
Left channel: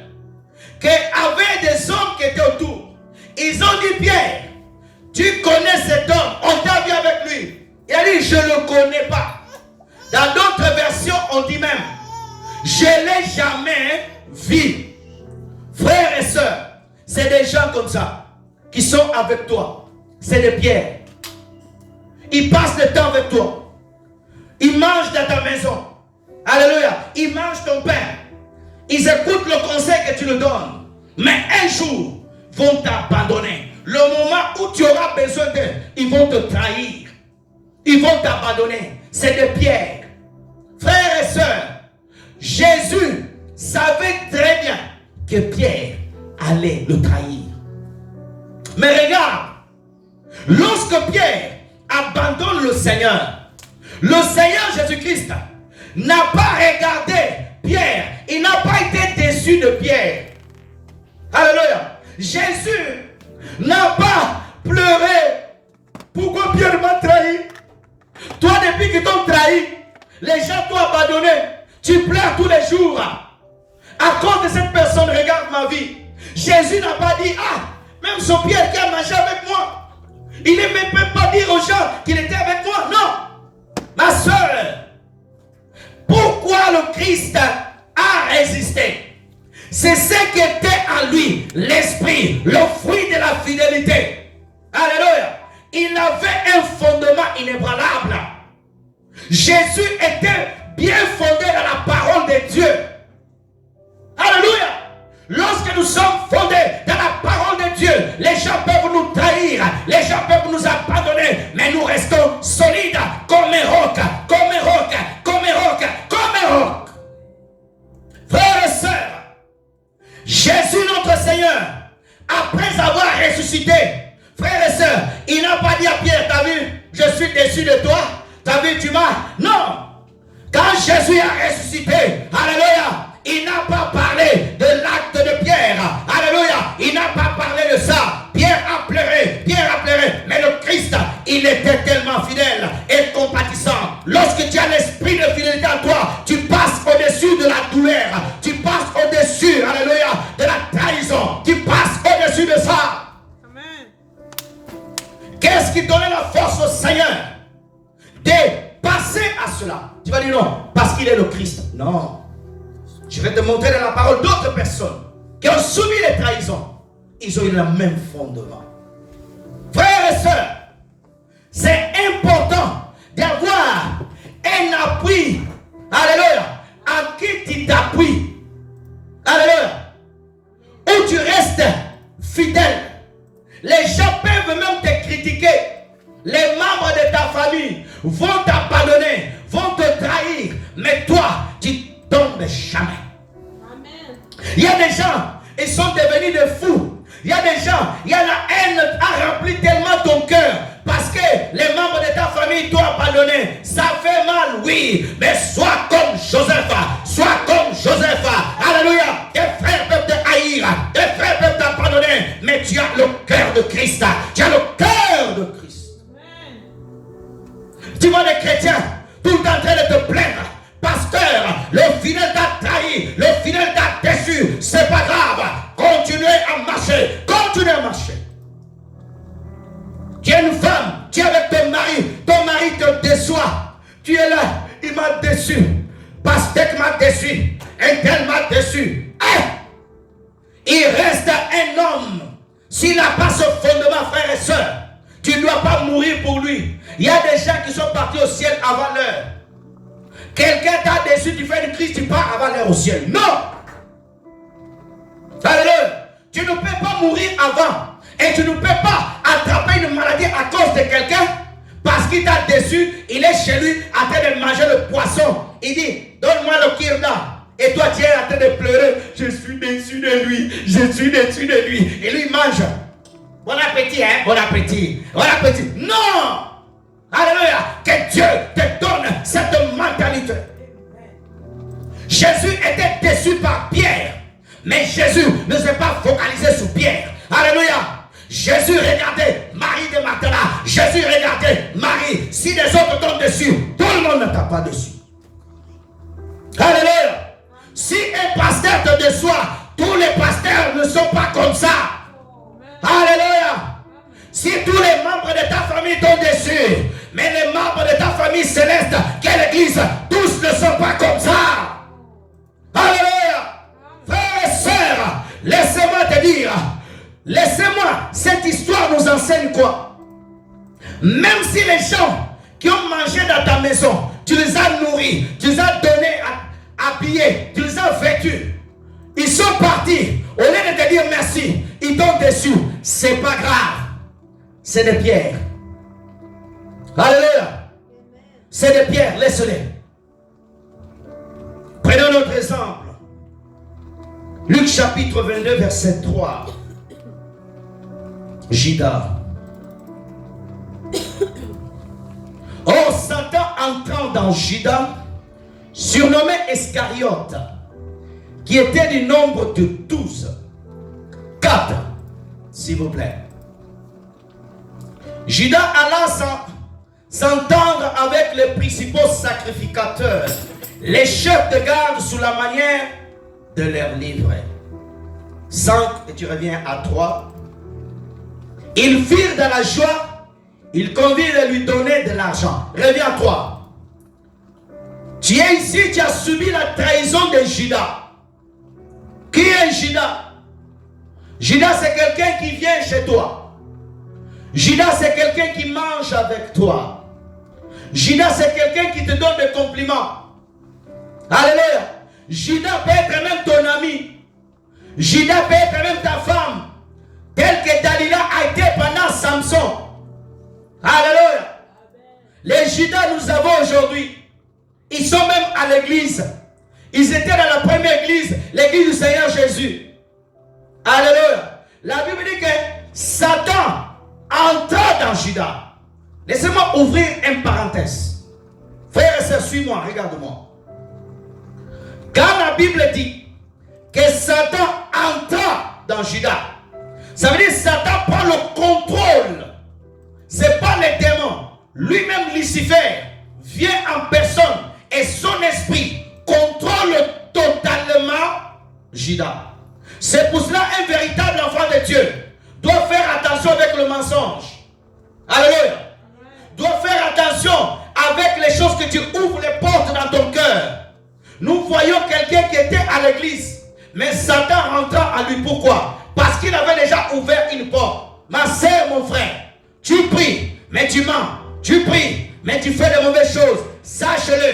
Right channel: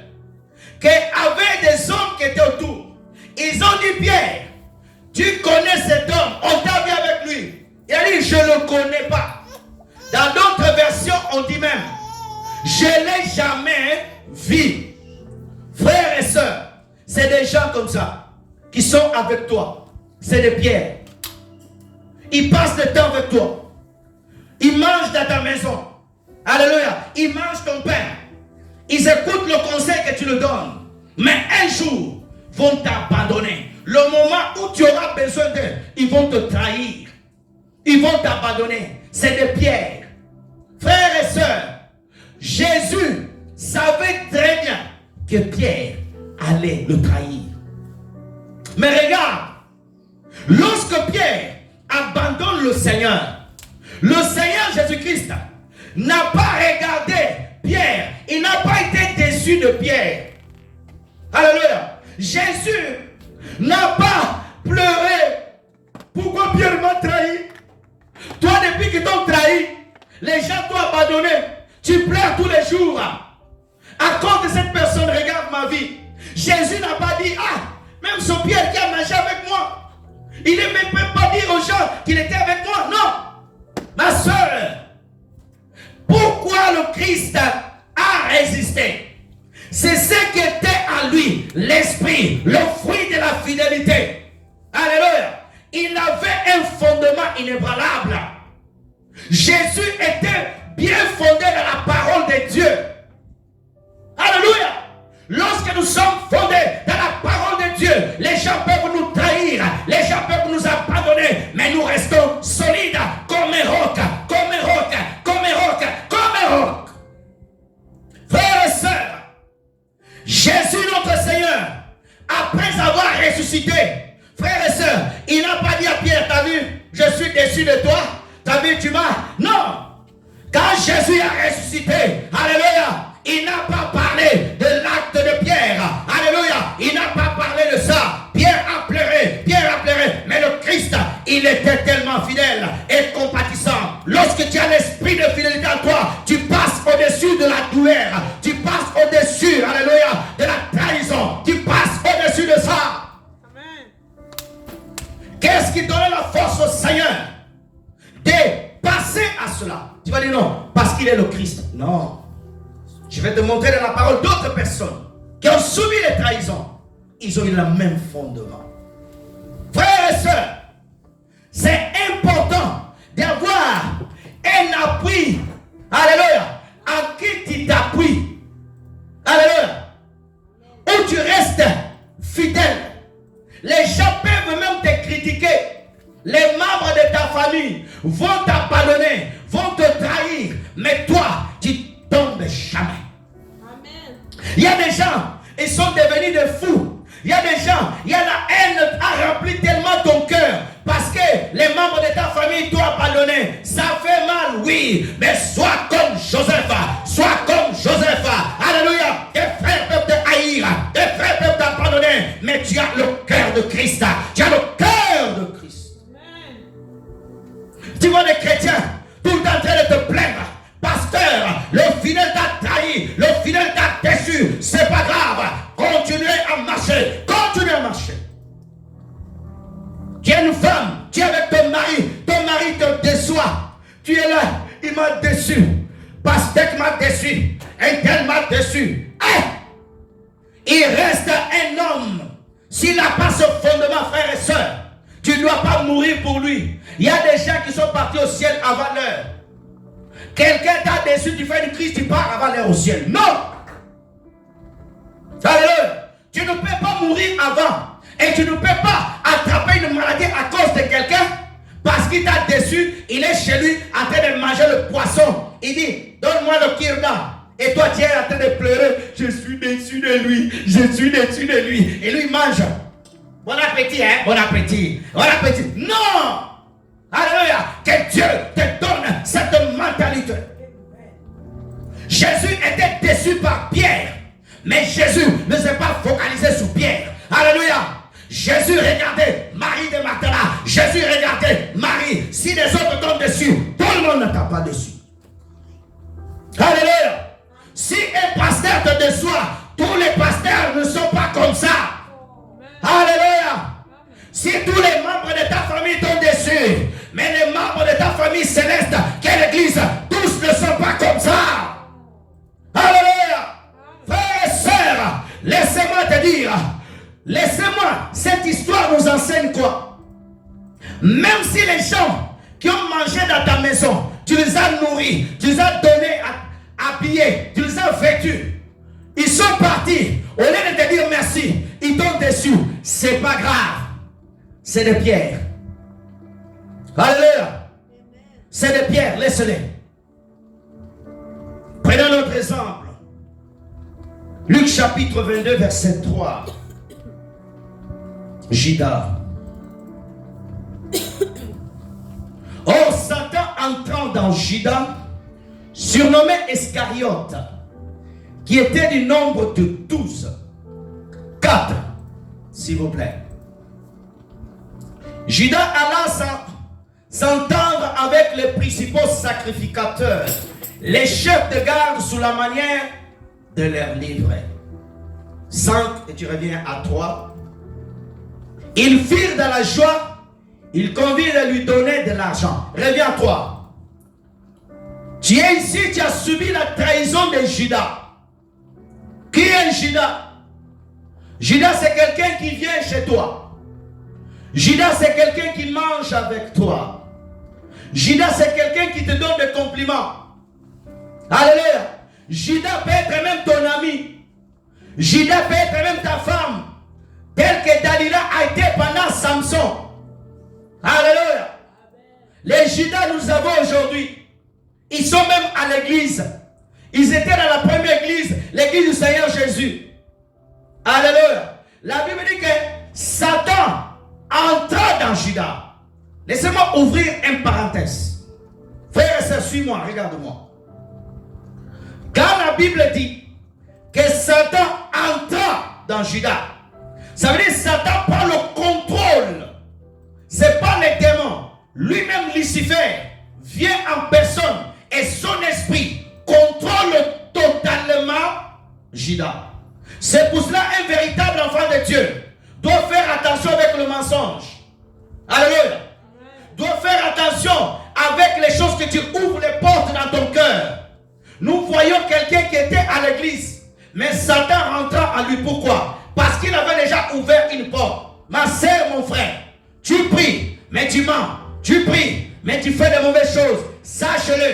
qu'il y avait des hommes qui étaient autour. Ils ont dit: Pierre, tu connais cet homme, on t'a vu avec lui. Il a dit: je ne le connais pas. Dans d'autres versions, on dit même: je ne l'ai jamais vu. Frères et sœurs, c'est des gens comme ça qui sont avec toi. C'est des pierres. Ils passent le temps avec toi. Ils mangent dans ta maison. Alléluia. Ils mangent ton pain. Ils écoutent le conseil que tu leur donnes. Mais un jour, ils vont t'abandonner. Le moment où tu auras besoin d'eux, ils vont te trahir. Ils vont t'abandonner. C'est des pierres. Frères et sœurs, Jésus savait très bien que Pierre allait le trahir. Mais regarde, lorsque Pierre abandonne le Seigneur Jésus-Christ n'a pas regardé Pierre. Il n'a pas été déçu de Pierre. Alléluia. Jésus n'a pas pleuré. Pourquoi Pierre m'a trahi? Toi, depuis qu'ils t'ont trahi, les gens t'ont abandonné. Tu pleures tous les jours. À cause de cette personne, regarde ma vie. Jésus n'a pas dit: ah, même son Pierre qui a mangé avec moi. Il ne même pas dire aux gens qu'il était avec moi. Non. Ma soeur, pourquoi le Christ a résisté? C'est ce qui était en lui, l'esprit, le fruit de la fidélité. Alléluia. Il avait un fondement inébranlable. Jésus était bien fondé dans la parole de Dieu. Alléluia. Lorsque nous sommes fondés dans la parole de Dieu, les gens peuvent nous trahir, les gens peuvent nous abandonner, mais nous restons solides comme un roc, comme un roc, comme un roc, comme un roc. Frères et sœurs, Jésus notre Seigneur, après avoir ressuscité, frères et sœurs, il n'a pas dit à Pierre: t'as vu, je suis déçu de toi, t'as vu, tu m'as. Non. Quand Jésus a ressuscité, alléluia, il n'a pas parlé de l'acte de Pierre. Alléluia. Il n'a pas parlé de ça. Pierre a pleuré. Mais le Christ, il était tellement fidèle et compatissant. Lorsque tu as l'esprit de fidélité en toi, tu passes au-dessus de la douleur. Tu passes au-dessus, alléluia, de la trahison. Non. Je vais te montrer dans la parole d'autres personnes qui ont subi les trahisons. Ils ont eu le même fondement. Frères et sœurs, c'est important d'avoir un appui. Alléluia. En qui tu t'appuies. Alléluia. Où tu restes fidèle. Les gens peuvent même te critiquer. Les membres de ta famille vont t'abandonner, vont te trahir. Mais toi, tu tombes jamais. Amen. Il y a des gens, ils sont devenus des fous. Il y a des gens, il y a la haine a rempli tellement ton cœur. Parce que les membres de ta famille t'ont abandonné. Ça fait mal, oui. Mais sois comme Joseph. Sois comme Joseph. Alléluia. Tes frères peuvent te haïr. Tes frères peuvent t'abandonner. Mais tu as le cœur de Christ. Tu as le cœur de Christ. Amen. Tu vois les chrétiens tout le temps en train de te plaindre. Pasteur, le fidèle t'a trahi. Le fidèle t'a déçu. C'est pas grave. Continuez à marcher. Continuez à marcher. Tu es une femme, tu es avec ton mari te déçoit. Tu es là, il m'a déçu. Pasteur m'a déçu. Un tel m'a déçu. Il reste un homme. S'il n'a pas ce fondement, frères et sœurs, tu ne dois pas mourir pour lui. Il y a des gens qui sont partis au ciel avant l'heure. Quelqu'un t'a déçu, tu fais une crise, tu pars avant l'heure au ciel. Non! Alléluia! Tu ne peux pas mourir avant. Et tu ne peux pas attraper une maladie à cause de quelqu'un parce qu'il t'a déçu. Il est chez lui en train de manger le poisson. Il dit, donne-moi le kirda. Et toi, tu es en train de pleurer. Je suis déçu de lui. Je suis déçu de lui. Et lui, il mange. Bon appétit, hein? Bon appétit. Bon appétit. Non! Alléluia! Que Dieu te donne cette mentalité. Jésus était déçu par Pierre. Mais Jésus ne s'est pas focalisé sur Pierre. Alléluia! Jésus regardait Marie de Magdala. Jésus regardait Marie. Si les autres tombent dessus, tout le monde ne tape pas dessus. Alléluia. Si un pasteur te déçoit, tous les pasteurs ne sont pas comme ça. Alléluia. Si tous les membres de ta famille tombent dessus, mais les membres de ta famille céleste, quelle église, tous ne sont pas comme ça. Alléluia. Frères et sœurs, laissez-moi te dire. Laissez-moi, cette histoire nous enseigne quoi? Même si les gens qui ont mangé dans ta maison, tu les as nourris, tu les as donnés, habillés, tu les as vêtus, ils sont partis, au lieu de te dire merci, ils t'ont déçu, c'est pas grave, c'est des pierres. Alléluia, c'est des pierres, laisse-les. Prenons notre exemple. Luc chapitre 22, verset 3. Judas. Or, Satan entrant dans Judas, surnommé Iscariote, qui était du nombre de 12. 4, s'il vous plaît. Judas alla s'entendre avec les principaux sacrificateurs, les chefs de garde sous la manière de leur livrer. 5, et tu reviens à 3. Ils firent dans la joie, ils convirent à lui donner de l'argent. Reviens à 3. Tu es ici, tu as subi la trahison de Judas. Qui est Judas? Judas, c'est quelqu'un qui vient chez toi. Judas, c'est quelqu'un qui mange avec toi. Judas, c'est quelqu'un qui te donne des compliments. Alléluia. Judas peut être même ton ami. Judas peut être même ta femme. Tel que Dalila a été pendant Samson. Alléluia. Les Judas nous avons aujourd'hui. Ils sont même à l'église. Ils étaient dans la première église, l'église du Seigneur Jésus. Alléluia. La Bible dit que Satan entra dans Judas. Laissez-moi ouvrir une parenthèse. Frère et sœur, suis-moi, regarde-moi. Quand la Bible dit que Satan entra dans Judas, ça veut dire que Satan prend le contrôle. Ce n'est pas les démons. Lui-même, Lucifer, vient en personne et son esprit contrôle totalement Judas. C'est pour cela un véritable enfant de Dieu doit faire attention avec le mensonge. Alléluia. Doit faire attention avec les choses que tu ouvres les portes dans ton cœur. Nous voyons quelqu'un qui était à l'église, mais Satan rentra en lui. Pourquoi? Parce qu'il avait déjà ouvert une porte. Ma sœur, mon frère, tu pries, mais tu mens. Tu pries, mais tu fais de mauvaises choses. Sache-le,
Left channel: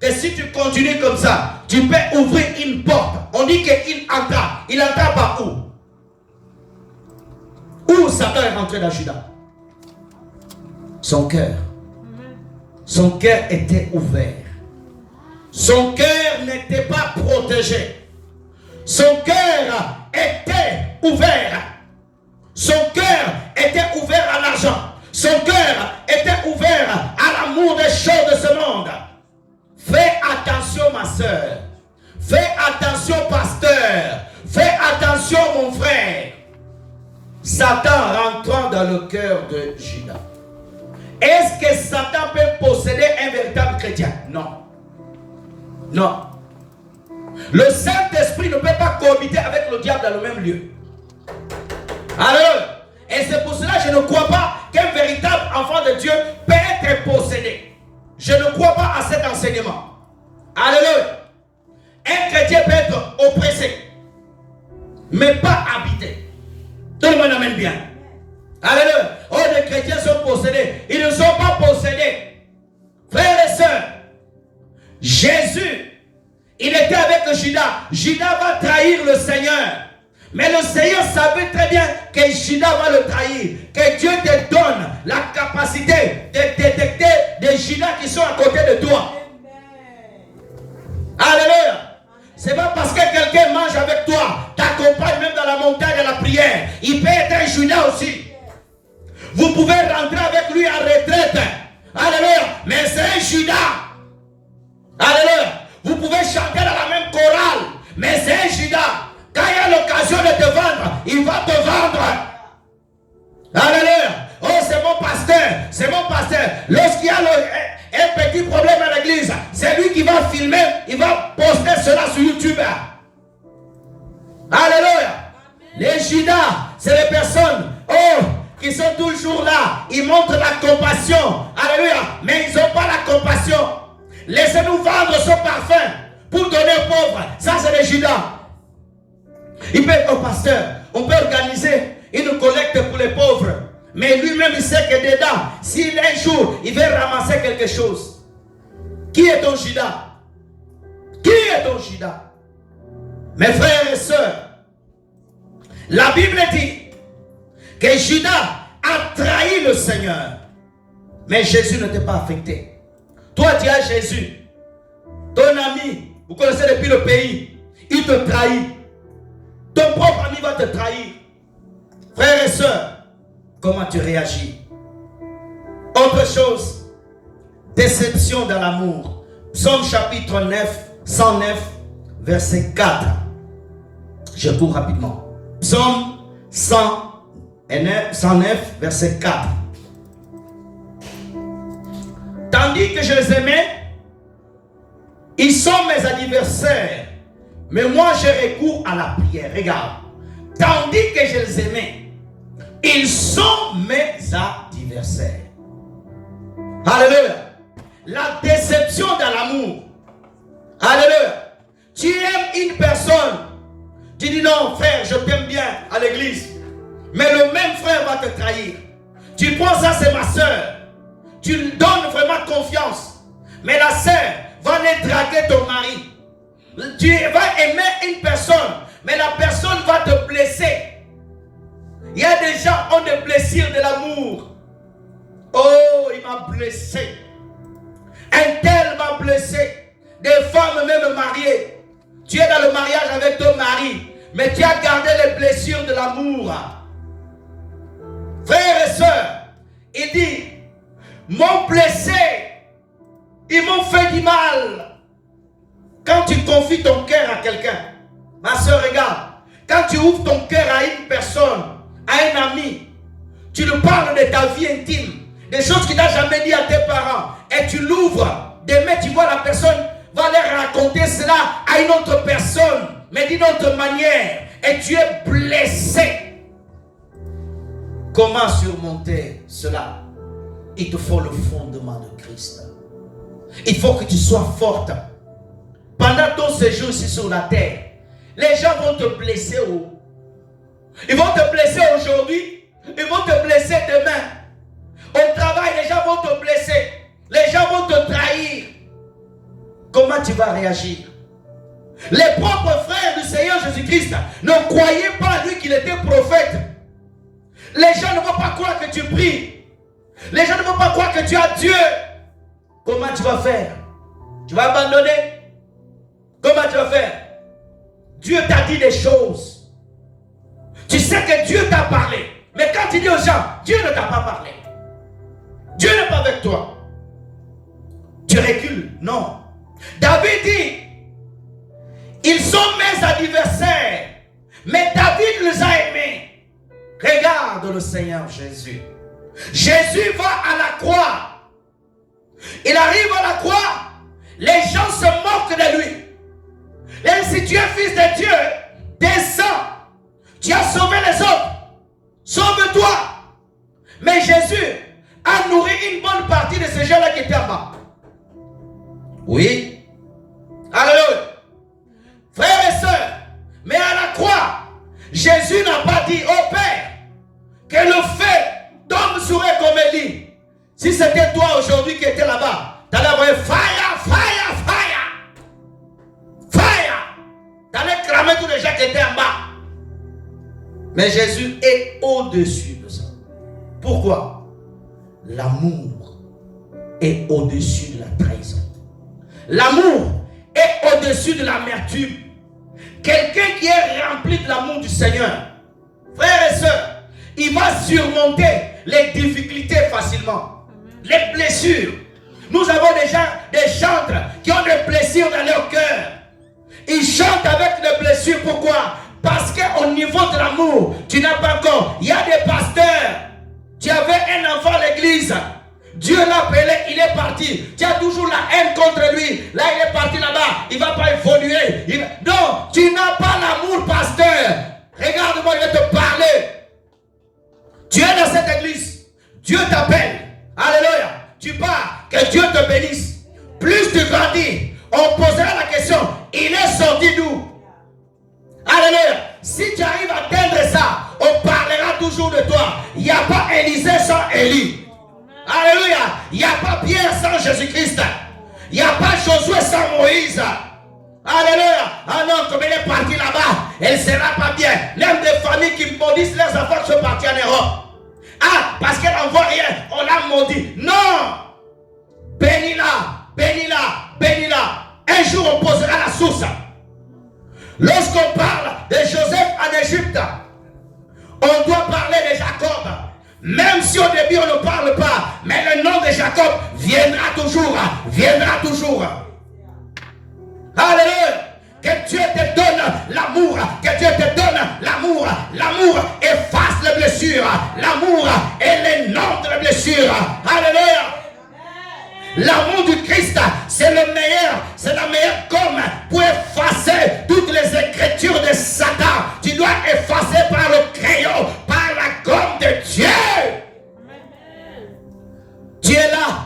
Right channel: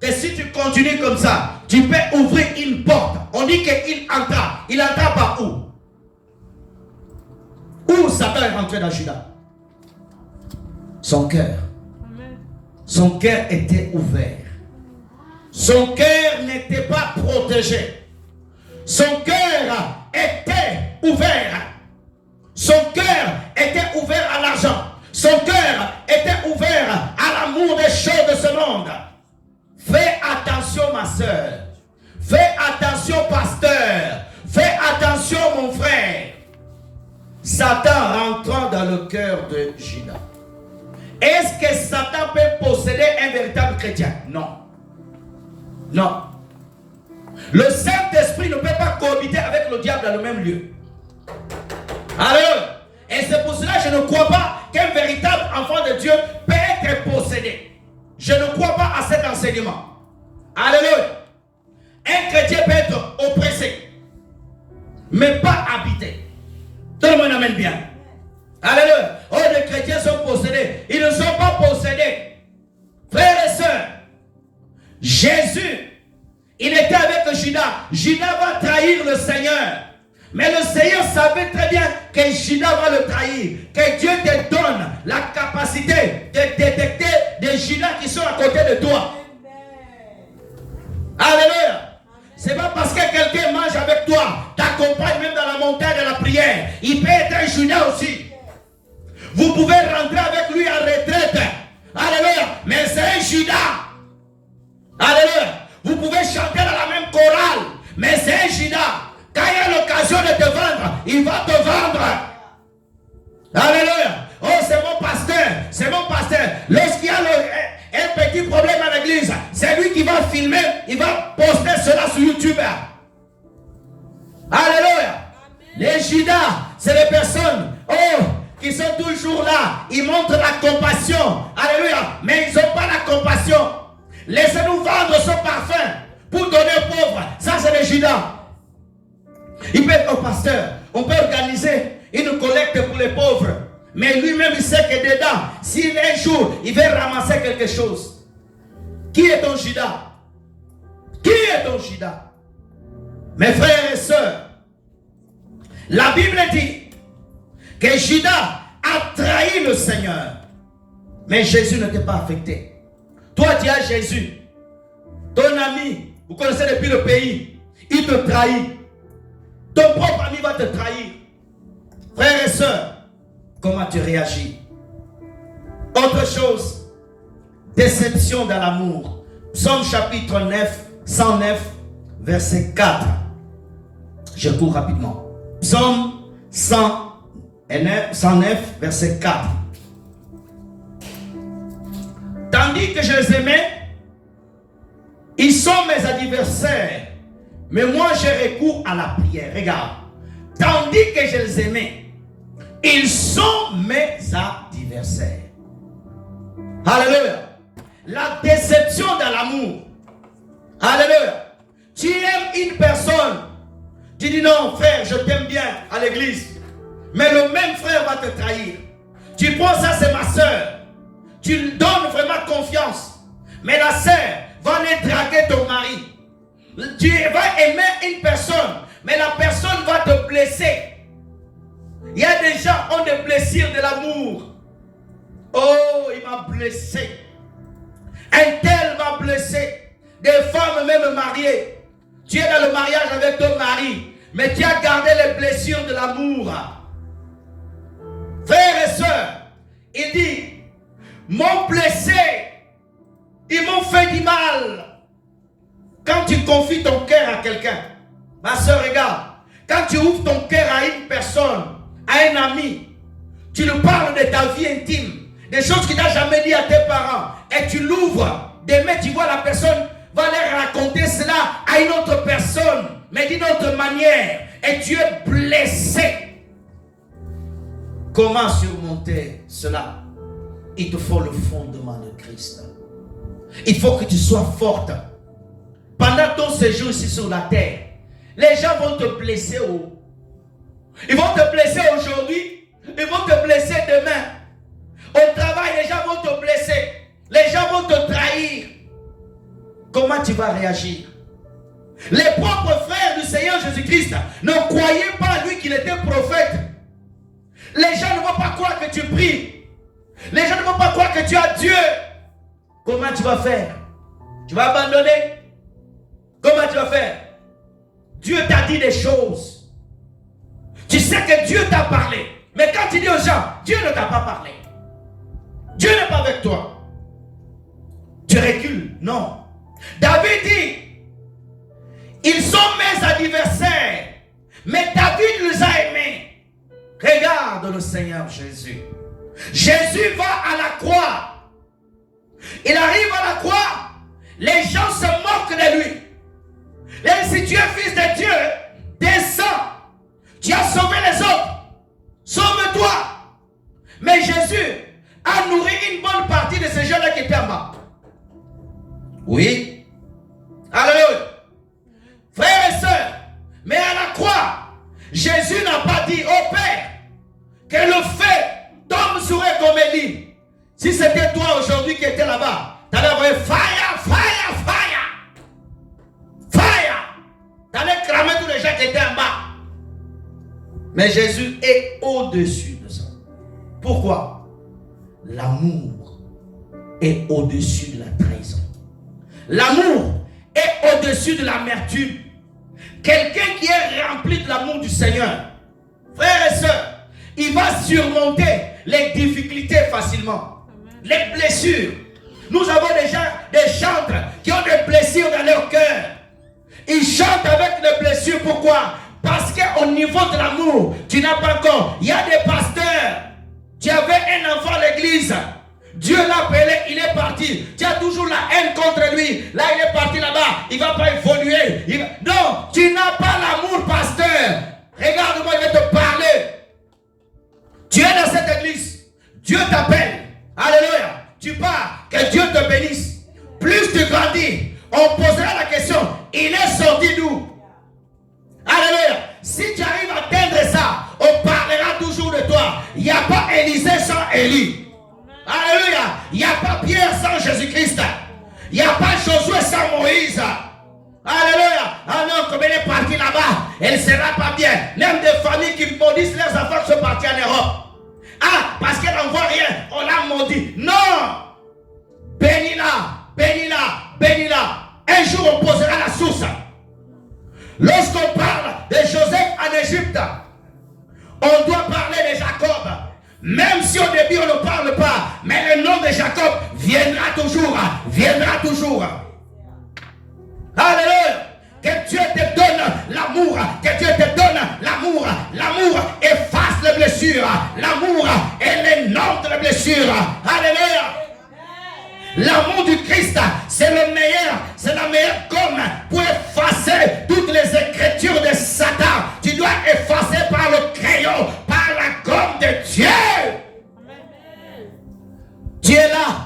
que si tu continues comme ça, tu peux ouvrir une porte. On dit qu'il entra. Il entra par où? Où Satan est rentré dans Judas? Son cœur. Son cœur était ouvert. Son cœur n'était pas protégé. Son cœur était ouvert. Son cœur était ouvert à l'argent. Son cœur était ouvert à l'amour des choses de ce monde. Fais attention, ma soeur. Fais attention, pasteur. Fais attention, mon frère. Satan rentrant dans le cœur de Judas. Est-ce que Satan peut posséder un véritable chrétien? Non. Non. Le Saint-Esprit ne peut pas cohabiter avec le diable dans le même lieu. Alors, et c'est pour cela que je ne crois pas qu'un véritable enfant de Dieu peut être possédé. Je ne crois pas à cet enseignement. Alléluia. Un chrétien peut être oppressé, mais pas habité. Tout le monde amène bien. Alléluia. Oh, les chrétiens sont possédés. Ils ne sont pas possédés. Frères et sœurs, Jésus, il était avec Judas. Judas va trahir le Seigneur. Mais le Seigneur savait très bien que Judas va le trahir. Que Dieu te donne la capacité de détecter des Judas qui sont à côté de toi. Alléluia. C'est pas parce que quelqu'un mange avec toi, t'accompagne même dans la montagne de la prière. Il peut être un Judas aussi. Vous pouvez rentrer avec lui en retraite. Alléluia. Mais c'est un Judas. Alléluia. Vous pouvez chanter dans la même chorale. Mais c'est un Judas. Quand il y a l'occasion de te vendre, il va te vendre. Alléluia. Oh, c'est mon pasteur. C'est mon pasteur. Lorsqu'il y a un petit problème à l'église, c'est lui qui va filmer. Il va poster cela sur YouTube. Alléluia. Les Judas, c'est les personnes qui sont toujours là. Ils montrent la compassion. Alléluia. Mais ils n'ont pas la compassion. Laissez-nous vendre ce parfum pour donner aux pauvres. Ça, c'est les Judas. Il peut être un pasteur. On peut organiser une collecte pour les pauvres. Mais lui-même, il sait que dedans, s'il un jour, il veut ramasser quelque chose. Qui est ton Judas? Qui est ton Judas? Mes frères et sœurs, la Bible dit que Judas a trahi le Seigneur. Mais Jésus n'était pas affecté. Toi, tu as Jésus. Ton ami, vous connaissez depuis le pays, il te trahit. Ton propre ami va te trahir. Frères et sœurs, comment tu réagis? Autre chose, déception dans l'amour. Psaume chapitre 109, verset 4. Je cours rapidement. Psaume 109, verset 4. Tandis que je les aimais, ils sont mes adversaires. Mais moi, je recours à la prière. Regarde. Tandis que je les aimais, ils sont mes adversaires. Alléluia. La déception dans l'amour. Alléluia. Tu aimes une personne. Tu dis non, frère, je t'aime bien à l'église. Mais le même frère va te trahir. Tu penses ça, c'est ma soeur. Tu lui donnes vraiment confiance. Mais la sœur va aller draguer ton mari. Tu vas aimer une personne, mais la personne va te blesser. Il y a des gens qui ont des blessures de l'amour. Oh, il m'a blessé. Un tel m'a blessé. Des femmes même mariées. Tu es dans le mariage avec ton mari, mais tu as gardé les blessures de l'amour. Frères et sœurs, il dit, m'ont blessé, ils m'ont fait du mal. Quand tu confies ton cœur à quelqu'un, ma soeur, regarde, quand tu ouvres ton cœur à une personne, à un ami, tu lui parles de ta vie intime, des choses qu'il n'a jamais dit à tes parents, et tu l'ouvres, demain tu vois la personne va leur raconter cela à une autre personne, mais d'une autre manière, et tu es blessé. Comment surmonter cela? Il te faut le fondement de Christ. Il faut que tu sois forte. pendant ton séjour ici sur la terre, les gens vont te blesser. Ils vont te blesser aujourd'hui, ils vont te blesser demain. Au travail, les gens vont te blesser. Les gens vont te trahir. Comment tu vas réagir? Les propres frères du Seigneur Jésus-Christ ne croyaient pas lui qu'il était prophète. Les gens ne vont pas croire que tu pries. Les gens ne vont pas croire que tu as Dieu. Comment tu vas faire? Tu vas abandonner? Comment tu vas faire? Dieu t'a dit des choses. Tu sais que Dieu t'a parlé. Mais quand tu dis aux gens, Dieu ne t'a pas parlé. Dieu n'est pas avec toi. Tu recules. Non. David dit, ils sont mes adversaires, mais David les a aimés. Regarde le Seigneur Jésus. Jésus va à la croix. Il arrive à la croix. Les gens se moquent de lui. Et si tu es fils de Dieu, descends. Tu as sauvé les autres. Sauve-toi. Mais Jésus a nourri une bonne partie de ces gens-là qui étaient en bas. Oui. Alléluia. Frères et sœurs, mais à la croix, Jésus n'a pas dit au Père que le feu tombe sur eux comme Élie. Si c'était toi aujourd'hui qui étais là-bas, tu allais avoir fire, fire, fire. Fire. Tu allais cramer tous les gens qui étaient en bas. Mais Jésus est au-dessus de ça. Pourquoi? L'amour est au-dessus de la trahison. L'amour est au-dessus de l'amertume. Quelqu'un qui est rempli de l'amour du Seigneur, frères et sœurs, il va surmonter les difficultés facilement. Les blessures. Nous avons déjà des chantres qui ont des blessures dans leur cœur. Ils chantent avec les blessures. Pourquoi? Parce qu'au niveau de l'amour, tu n'as pas encore. Il y a des pasteurs. Tu avais un enfant à l'église. Dieu l'a appelé, il est parti. Tu as toujours la haine contre lui. Là, il est parti là-bas. Il ne va pas évoluer. Non, tu n'as pas l'amour, pasteur. Regarde-moi, il va te parler. Tu es dans cette église. Dieu t'appelle. Alléluia. Tu pars. Que Dieu te bénisse. Plus tu grandis, on posera la question. Il est sorti d'où? Alléluia. Si tu arrives à atteindre ça, on parlera toujours de toi. Il n'y a pas Élisée sans Élie. Alléluia. Il n'y a pas Pierre sans Jésus-Christ. Il n'y a pas Josué sans Moïse. Alléluia. Ah non, comme elle est partie là-bas, elle ne sera pas bien. Même des familles qui maudissent leurs enfants qui sont partis en Europe. Ah, parce qu'elle n'en voit rien, on l'a maudit. Non. Bénis-la, bénis-la, bénis-la. Un jour, on posera la source. Lorsqu'on parle de Joseph en Égypte, on doit parler de Jacob. Même si au début on ne parle pas, mais le nom de Jacob viendra toujours, viendra toujours. Alléluia. Que Dieu te donne l'amour, que Dieu te donne l'amour. L'amour efface les blessures. L'amour est l'énorme de les blessures. Alléluia. L'amour du Christ, c'est le meilleur, c'est la meilleure gomme pour effacer toutes les écritures de Satan. Tu dois effacer par le crayon, par la gomme de Dieu. Tu es là.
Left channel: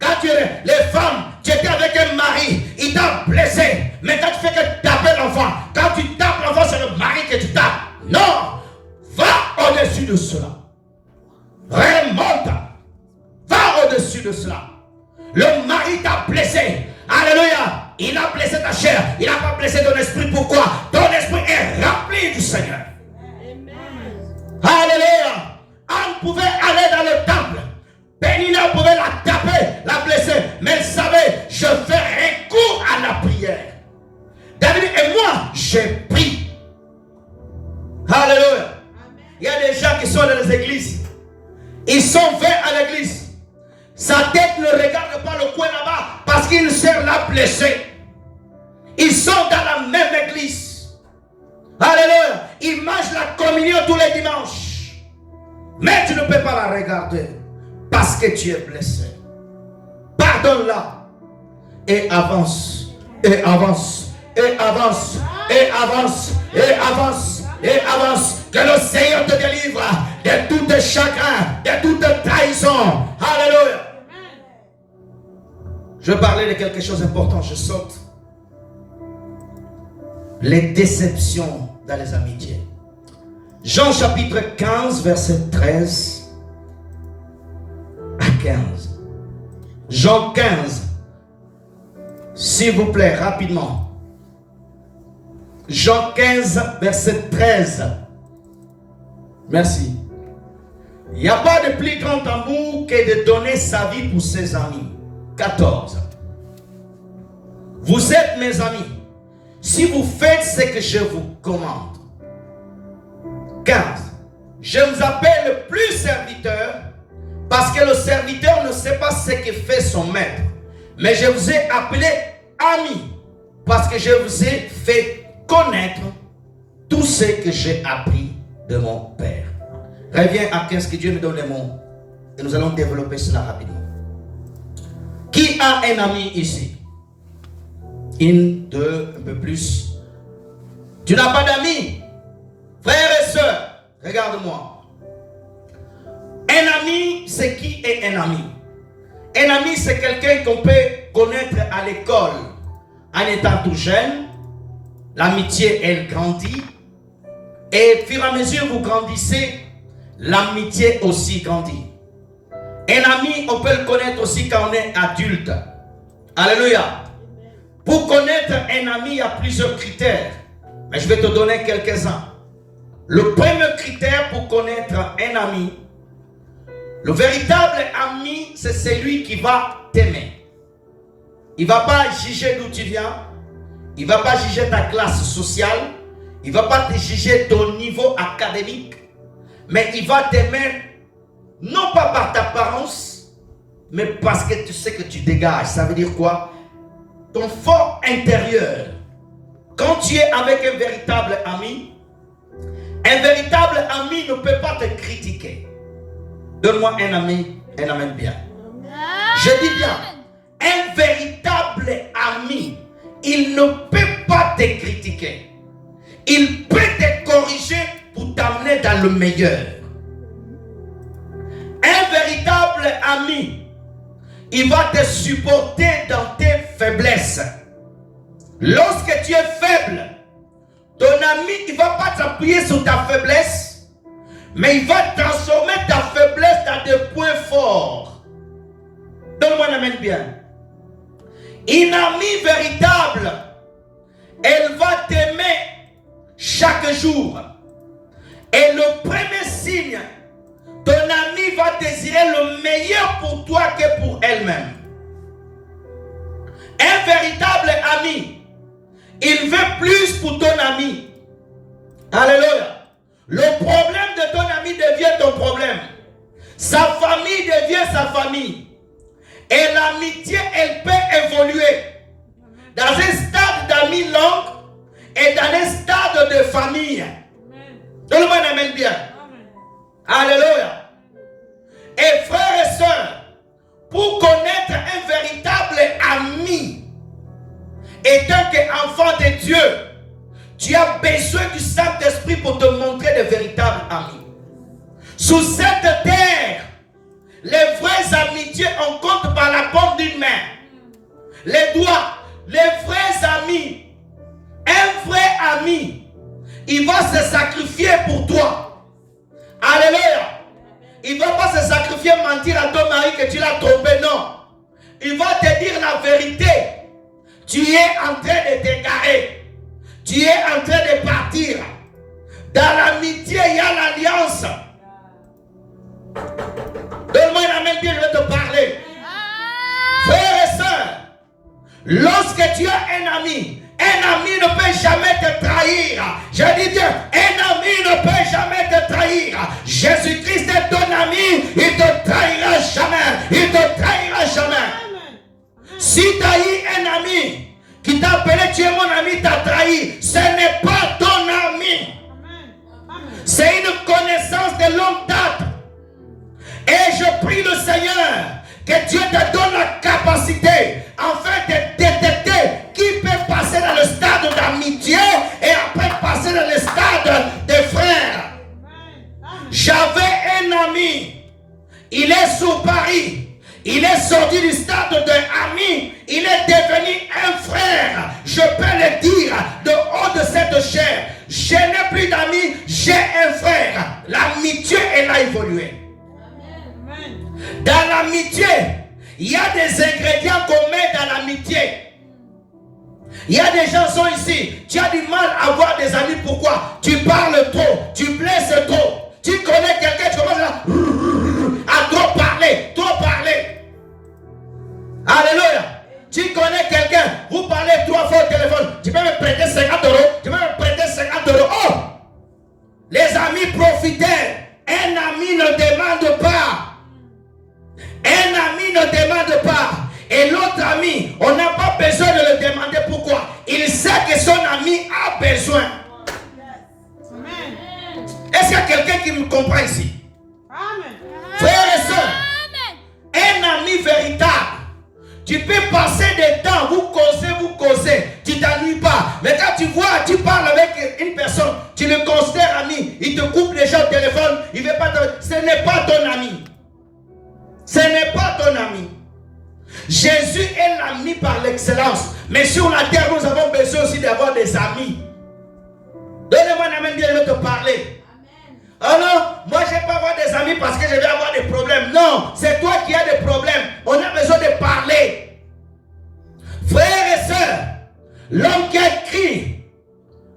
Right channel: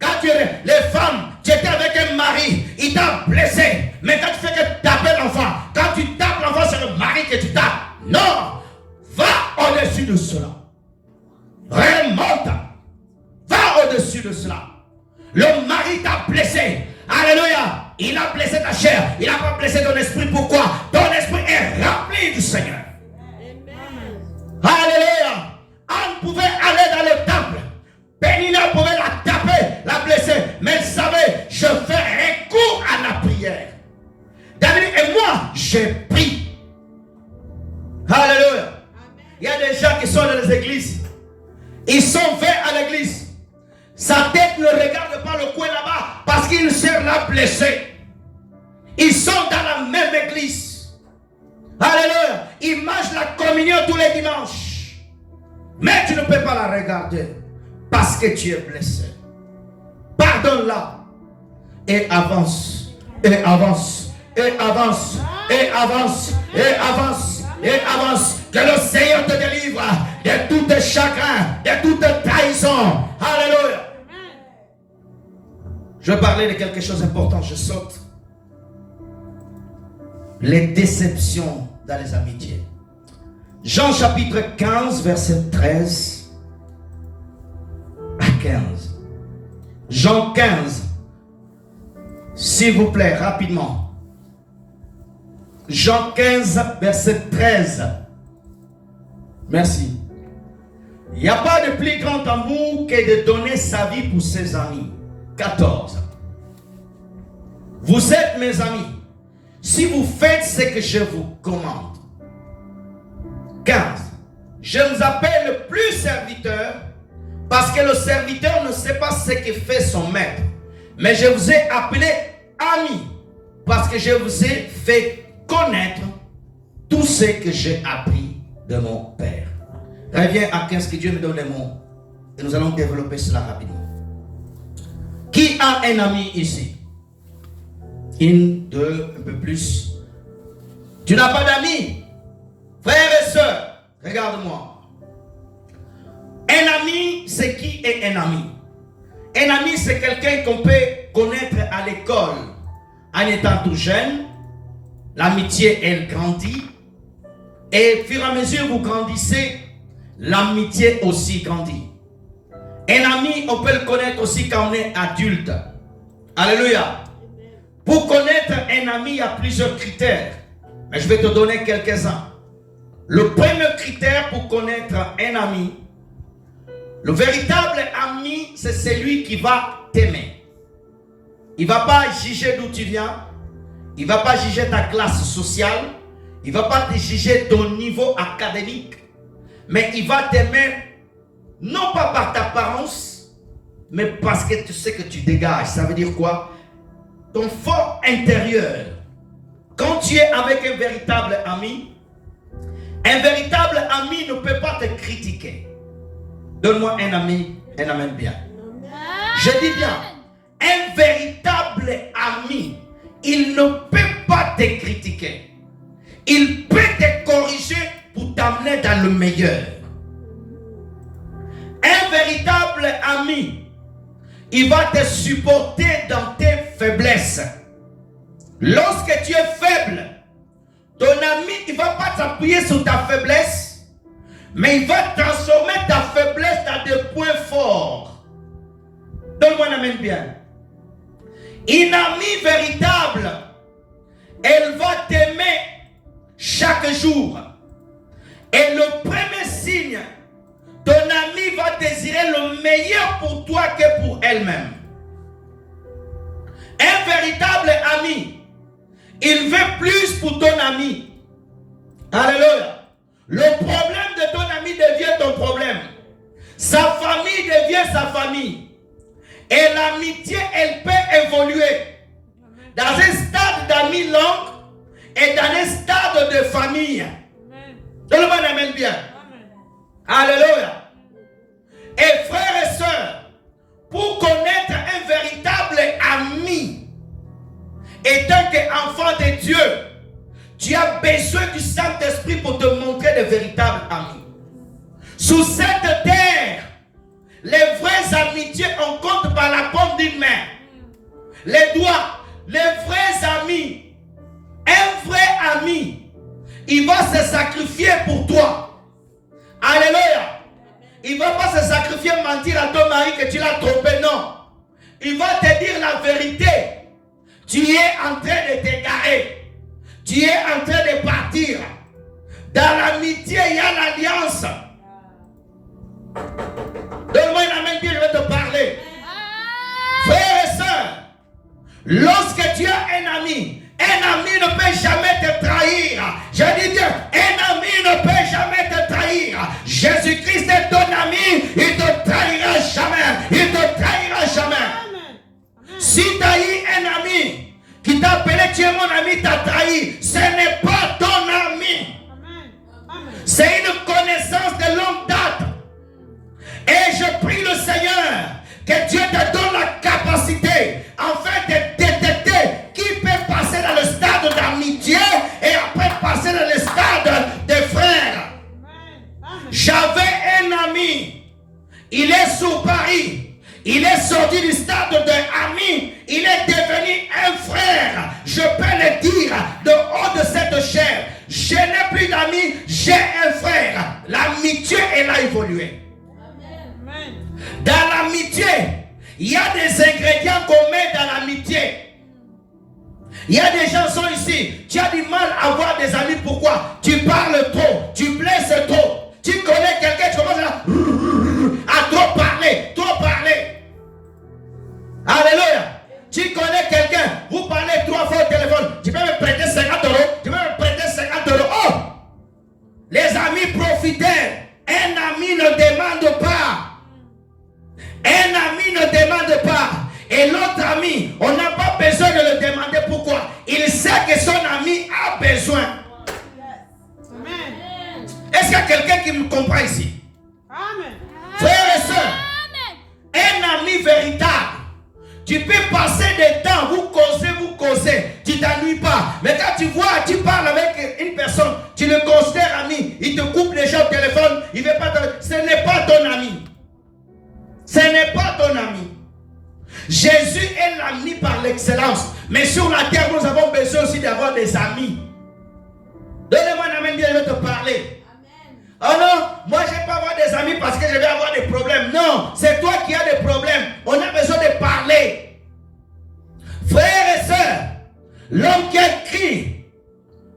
Quand tu es les femmes, tu étais avec un mari, il t'a blessé. Mais quand tu fais que taper l'enfant, quand tu tapes l'enfant, c'est le mari que tu tapes. Non, va au-dessus de cela. Remonte. Va au-dessus de cela. Le mari t'a blessé. Alléluia. Il a blessé ta chair. Il n'a pas blessé ton esprit. Pourquoi? Ton esprit est rempli du Seigneur. Alléluia. Anne pouvait aller dans le temple. Pénina pouvait la taper, la blesser. Mais elle savait, je fais recours à la prière. David et moi, j'ai pris. Alléluia. Il y a des gens qui sont dans les églises. Ils sont faits à l'église. Sa tête ne regarde pas le coin là-bas parce qu'il sert la blessée. Ils sont dans la même église. Alléluia. Ils mangent la communion tous les dimanches. Mais tu ne peux pas la regarder parce que tu es blessé. Pardonne-la et avance, et avance, et avance, et avance, et avance, et avance. Que le Seigneur te délivre de tout chagrin, de toute trahison. Alléluia. Je vais parler de quelque chose d'important. Je saute. les déceptions dans les amitiés. Jean chapitre 15, verset 13 à 15. Jean 15, s'il vous plaît, rapidement. Jean 15, verset 13. Merci. Il n'y a pas de plus grand amour que de donner sa vie pour ses amis. 14. Vous êtes mes amis si vous faites ce que je vous commande. 15. Je vous appelle plus serviteur parce que le serviteur ne sait pas ce que fait son maître. Mais je vous ai appelé amis parce que je vous ai fait connaître tout ce que j'ai appris de mon Père. Reviens à 15 que Dieu me donne les mots et nous allons développer cela rapidement. Qui a un ami ici? Une, deux, un peu plus. Tu n'as pas d'amis? Frères et sœurs, regarde-moi. Un ami, c'est qui est un ami? Un ami, c'est quelqu'un qu'on peut connaître à l'école en étant tout jeune. L'amitié, elle grandit. Et au fur et à mesure que vous grandissez, l'amitié aussi grandit. Un ami, on peut le connaître aussi quand on est adulte. Alléluia. Pour connaître un ami, il y a plusieurs critères. Mais je vais te donner quelques-uns. Le premier critère pour connaître un ami, le véritable ami, c'est celui qui va t'aimer. Il ne va pas juger d'où tu viens. Il ne va pas juger ta classe sociale. Il ne va pas te juger ton niveau académique. Mais il va t'aimer, non pas par ta apparence, mais parce que tu sais que tu dégages. Ça veut dire quoi? Ton fort intérieur. Quand tu es avec un véritable ami ne peut pas te critiquer. Donne-moi un ami bien. Je dis bien, un véritable ami, il ne peut pas te critiquer. Il peut te corriger pour t'amener dans le meilleur. Un véritable ami, il va te supporter dans tes faiblesses. Lorsque tu es faible, ton ami, il ne va pas t'appuyer sur ta faiblesse, mais il va transformer ta faiblesse dans des points forts. Donne-moi un amen bien. Une amie véritable, elle va t'aimer chaque jour. Et le premier signe, ton ami va désirer le meilleur pour toi que pour elle-même. Un véritable ami, il veut plus pour ton ami. Alléluia. Le problème de ton ami devient ton problème. Sa famille devient sa famille. Et l'amitié, elle peut évoluer dans un stade d'amis long et dans un stade de famille. Tout le monde amène bien. Alléluia. Et frères et sœurs, pour connaître un véritable ami, étant qu'enfant de Dieu, tu as besoin du Saint-Esprit pour te montrer de véritables amis. Sur cette terre, les vraies amitiés, on compte par la paume d'une main. Les doigts, les vrais amis. Un vrai ami, il va se sacrifier pour toi. Alléluia. Il ne va pas se sacrifier, mentir à ton mari que tu l'as trompé, non. Il va te dire la vérité. Tu es en train de t'égarer. Tu es en train de partir. Dans l'amitié, il y a l'alliance. Donne-moi un amen, Dieu, je vais te parler. Frères et sœurs, lorsque tu as un ami ne peut jamais te trahir. Je dis bien, un ami ne peut jamais te trahir. Jésus-Christ est ton ami, il ne te trahira jamais. Il ne te trahira jamais. Si tu as eu un ami qui t'a appelé, tu es mon ami, t'a trahi, ce n'est pas ton ami. C'est une connaissance de longue date. Et je prie le Seigneur que Dieu te donne la capacité afin de détecter qui peut passer dans le stade d'amitié et après passer dans le stade de frères. J'avais un ami, il est sur Paris, Il est sorti du stade d'un ami. Il est devenu un frère. Je peux le dire de haut de cette chair. Je n'ai plus d'amis, j'ai un frère. L'amitié, elle a évolué. Amen. Dans l'amitié, il y a des ingrédients qu'on met dans l'amitié. Il y a des gens qui sont ici. Tu as du mal à avoir des amis. Pourquoi? Tu parles trop. Tu blesses trop. Tu connais quelqu'un, tu commences à trop parler. Trop parler. Alléluia. Tu connais quelqu'un. Vous parlez 3 fois au téléphone. Tu peux me prêter 50 €. Tu peux me prêter 50 €. Oh! Les amis profiteurs. Un ami ne demande pas. Un ami ne demande pas. Et l'autre ami, on n'a pas besoin de le demander pourquoi. Il sait que son ami a besoin. Amen. Est-ce qu'il y a quelqu'un qui me comprend ici? Amen. Frères et sœurs, un ami véritable, tu peux passer des temps, vous causez, tu t'ennuies pas. Mais quand tu vois, tu parles avec une personne, tu le considères ami, il te coupe déjà au téléphone, il veut pas te... Ce n'est pas ton ami. Ce n'est pas ton ami. Jésus est l'ami par l'excellence. Mais sur la terre, nous avons besoin aussi d'avoir des amis. Donnez-moi un amen, Dieu veut te parler. Amen. Alors, moi je ne vais pas avoir des amis parce que je vais avoir des problèmes. Non, c'est toi qui as des problèmes. On a besoin de parler. Frères et sœurs, l'homme qui a écrit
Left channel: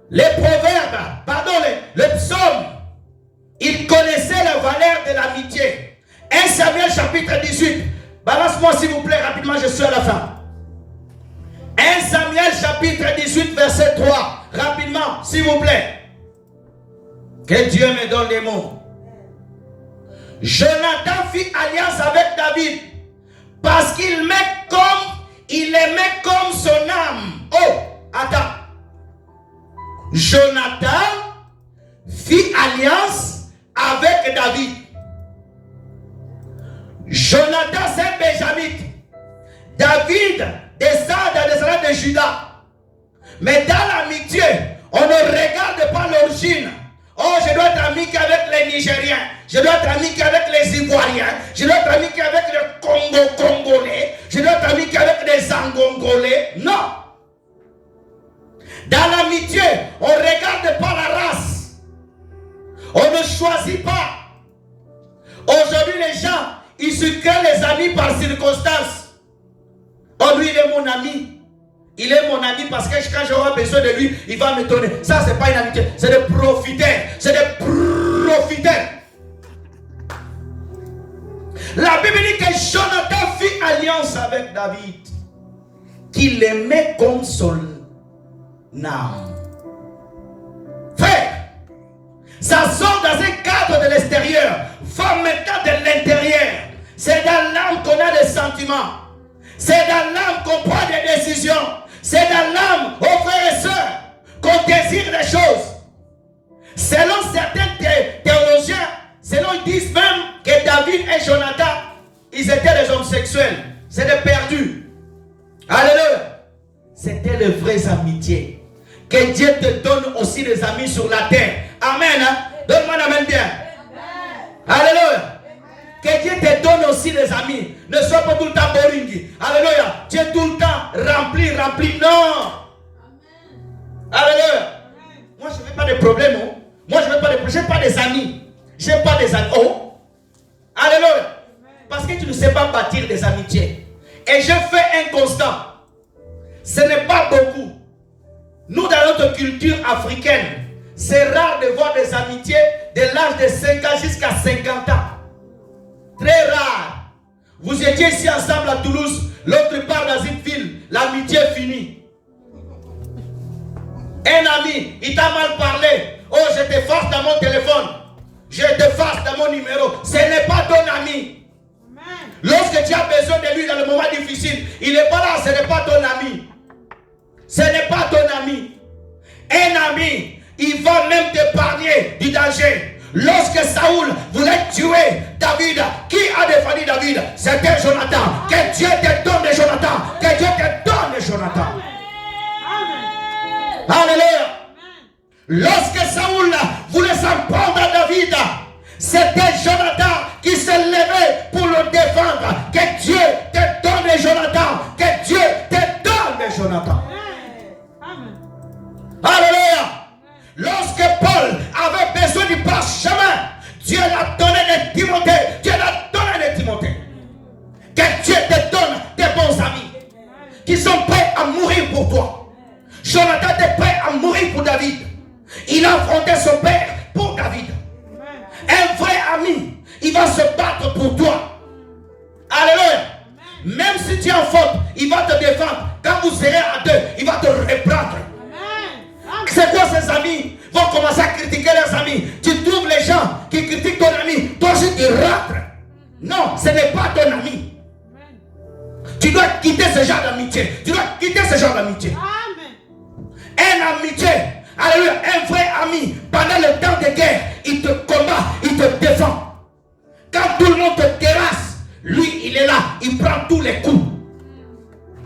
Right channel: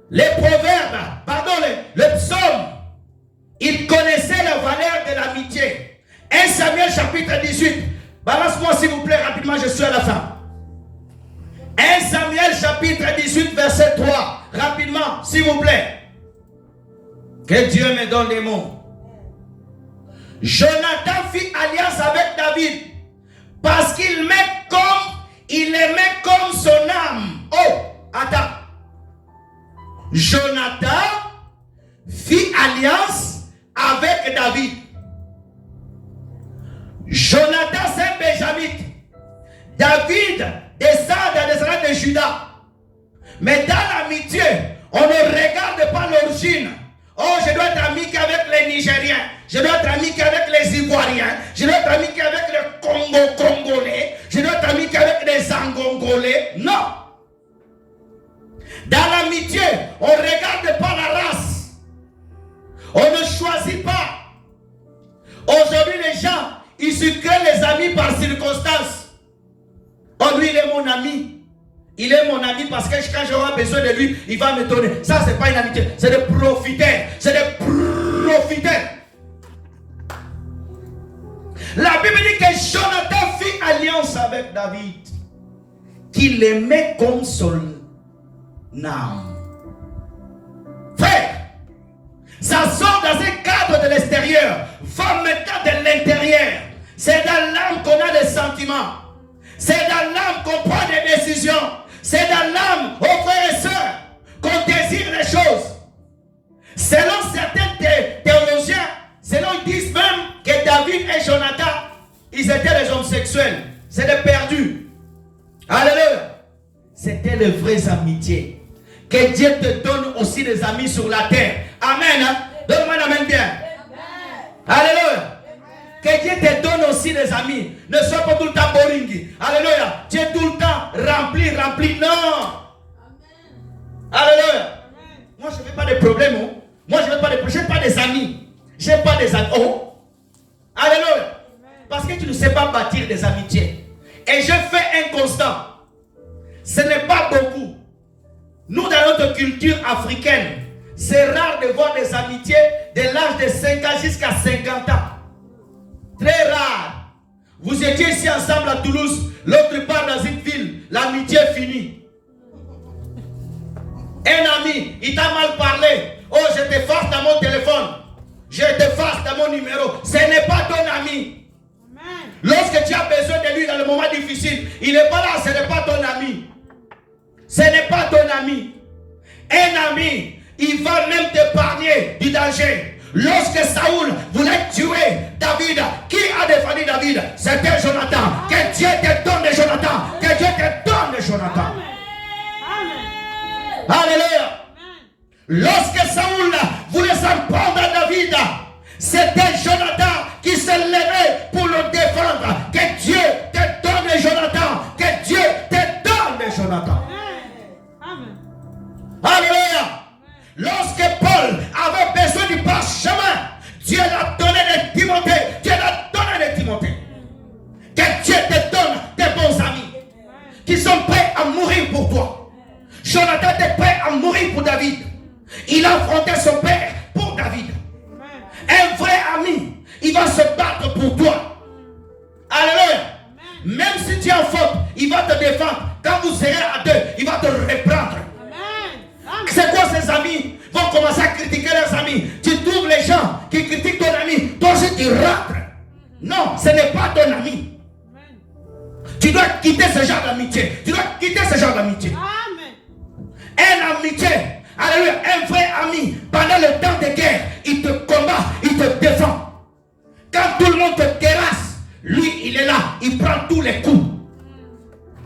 les proverbes, pardon, les psaumes, il connaissait la valeur de l'amitié. 1 Samuel chapitre 18. Balance-moi s'il vous plaît rapidement, je suis à la fin. 1 Samuel chapitre 18 verset 3. Rapidement s'il vous plaît. Que Dieu me donne des mots. Jonathan fit alliance avec David parce qu'il aimait comme son âme. Oh, attends. Jonathan fit alliance avec David. Jonathan, c'est un Benjamite. David descend des descendants de Judas. Mais dans l'amitié, on ne regarde pas l'origine. Oh, je dois être ami qu'avec les Nigériens. Je dois être ami qu'avec les Ivoiriens. Je dois être ami qu'avec les Congolais. Je dois être ami qu'avec les Angongolais. Non. Dans l'amitié, on ne regarde pas la race. On ne choisit pas. Aujourd'hui, les gens, ils se créent les amis par circonstance. Oh, lui, il est mon ami. Il est mon ami parce que quand j'aurai besoin de lui, il va me donner. Ça, ce n'est pas une amitié. C'est des profiteurs. C'est des profiteurs. La Bible dit que Jonathan fit alliance avec David. Qu'il aimait comme son âme. Frère, ça sort dans un cadre de l'extérieur. Va maintenant de l'intérieur. C'est dans l'âme qu'on a des sentiments. C'est dans l'âme qu'on prend des décisions. C'est dans l'âme, oh frères et sœurs, qu'on désire des choses. Selon certains théologiens, ils disent même que David et Jonathan, ils étaient des hommes sexuels. C'est des perdus. Alléluia. C'était de vraies amitiés. Que Dieu te donne aussi des amis sur la terre. Amen. Hein? Donne-moi un amen bien. Alléluia. Que Dieu te donne aussi des amis. Ne sois pas tout le temps boring. Alléluia. Tu es tout le temps rempli. Non. Alléluia. Moi, je n'ai pas de problème. Oh. Moi, je n'ai pas de problème. Je n'ai pas des amis. Je n'ai pas des amis. Oh. Alléluia. Parce que tu ne sais pas bâtir des amitiés. Et je fais un constat. Ce n'est pas beaucoup. Nous, dans notre culture africaine, c'est rare de voir des amitiés de l'âge de 5 ans jusqu'à 50 ans. Très rare. Vous étiez ici ensemble à Toulouse, l'autre part dans une ville, l'amitié est finie. Un ami, il t'a mal parlé. Oh, je t'efface dans mon téléphone. Je t'efface dans mon numéro. Ce n'est pas ton ami. Lorsque tu as besoin de lui dans le moment difficile, il n'est pas là, ce n'est pas ton ami. Ce n'est pas ton ami. Un ami, il va même t'épargner du danger. Lorsque Saoul voulait tuer David, qui a défendu David? C'était Jonathan. Que Dieu te donne de Jonathan. Que Dieu te donne de Jonathan. Amen. Alléluia. Lorsque Saoul voulait s'en prendre à David, c'était Jonathan qui s'est levé pour le défendre. Que Dieu Lorsque Paul avait besoin du parchemin, Dieu l'a donné de Timothée. Dieu l'a donné de Timothée. Que Dieu te donne des bons amis qui sont prêts à mourir pour toi. Jonathan était prêt à mourir pour David. Il a affronté son père pour David. Un vrai ami, il va se battre pour toi. Alléluia. Même si tu es en faute, il va te défendre. Quand vous serez à deux, il va te reprendre. C'est quoi ces amis vont commencer à critiquer leurs amis? Tu trouves les gens qui critiquent ton ami, toi aussi tu rentres. Non, ce n'est pas ton ami. Tu dois quitter ce genre d'amitié. Tu dois quitter ce genre d'amitié. Un amitié, alléluia, un vrai ami, pendant le temps de guerre, il te combat, il te défend. Quand tout le monde te terrasse, lui il est là, il prend tous les coups.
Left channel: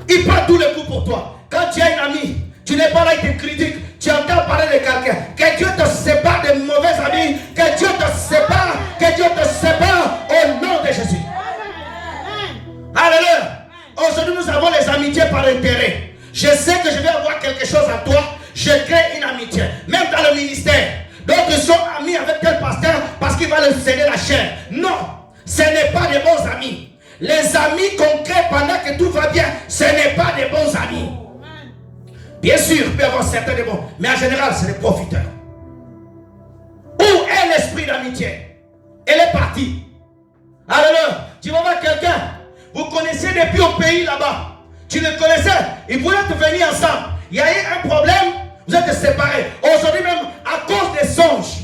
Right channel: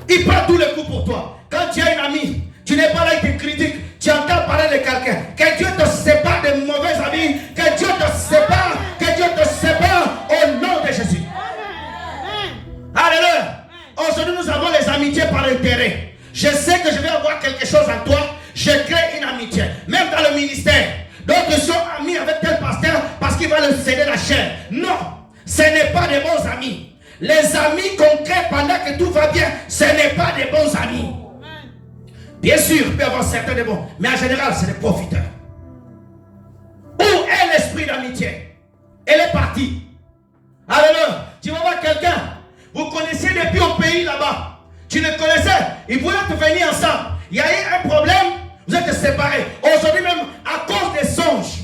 Il prend tous les coups pour toi. Quand tu as une amie, tu n'es pas là, il te critique, tu entends parler de quelqu'un. Que Dieu te sépare de mauvais amis, que Dieu te sépare, au nom de Jésus. Alléluia. Aujourd'hui nous avons les amitiés par intérêt. Je sais que je vais avoir quelque chose à toi, je crée une amitié. Même dans le ministère, d'autres sont amis avec tel pasteur parce qu'il va leur céder la chair. Non, ce n'est pas des bons amis. Les amis qu'on crée pendant que tout va bien, ce n'est pas des bons amis. Bien sûr, il peut y avoir certains des bons, mais en général, c'est des profiteurs. Où est l'esprit d'amitié? Elle est partie. Alléluia. Tu vas voir quelqu'un, vous connaissez depuis au pays là-bas. Tu le connaissais, ils voulaient te venir ensemble. Il y a eu un problème, vous êtes séparés. Aujourd'hui même, à cause des songes,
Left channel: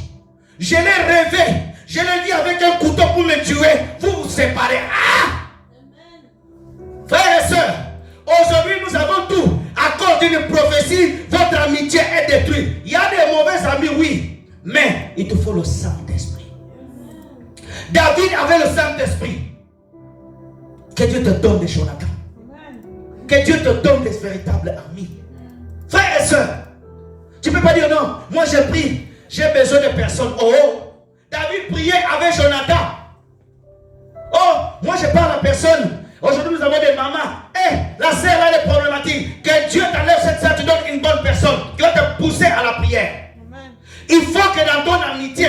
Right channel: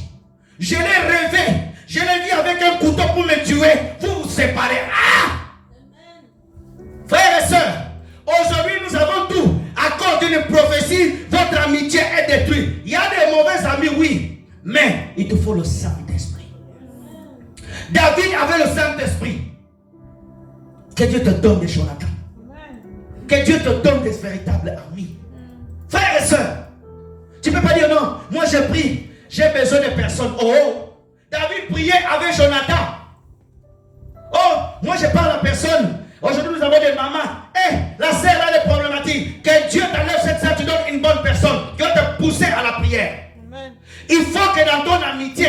je l'ai rêvé. Je l'ai vu avec un couteau pour me tuer. Vous vous séparez. Ah! Frères et sœurs, aujourd'hui nous avons tout. À cause d'une prophétie, votre amitié est détruite. Il y a des mauvais amis, oui. Mais il te faut le Saint-Esprit. David avait le Saint-Esprit. Que Dieu te donne des Jonathan. Que Dieu te donne des véritables amis. Frères et sœurs, tu ne peux pas dire non, moi j'ai pris, j'ai besoin de personnes. Oh, David priait avec Jonathan. Oh, moi je parle à personne. Aujourd'hui nous avons des mamans. La sœur a des problématiques. Que Dieu t'enlève cette sœur, tu donnes une bonne personne qui va te pousser à la prière. Amen. Il faut que dans ton amitié,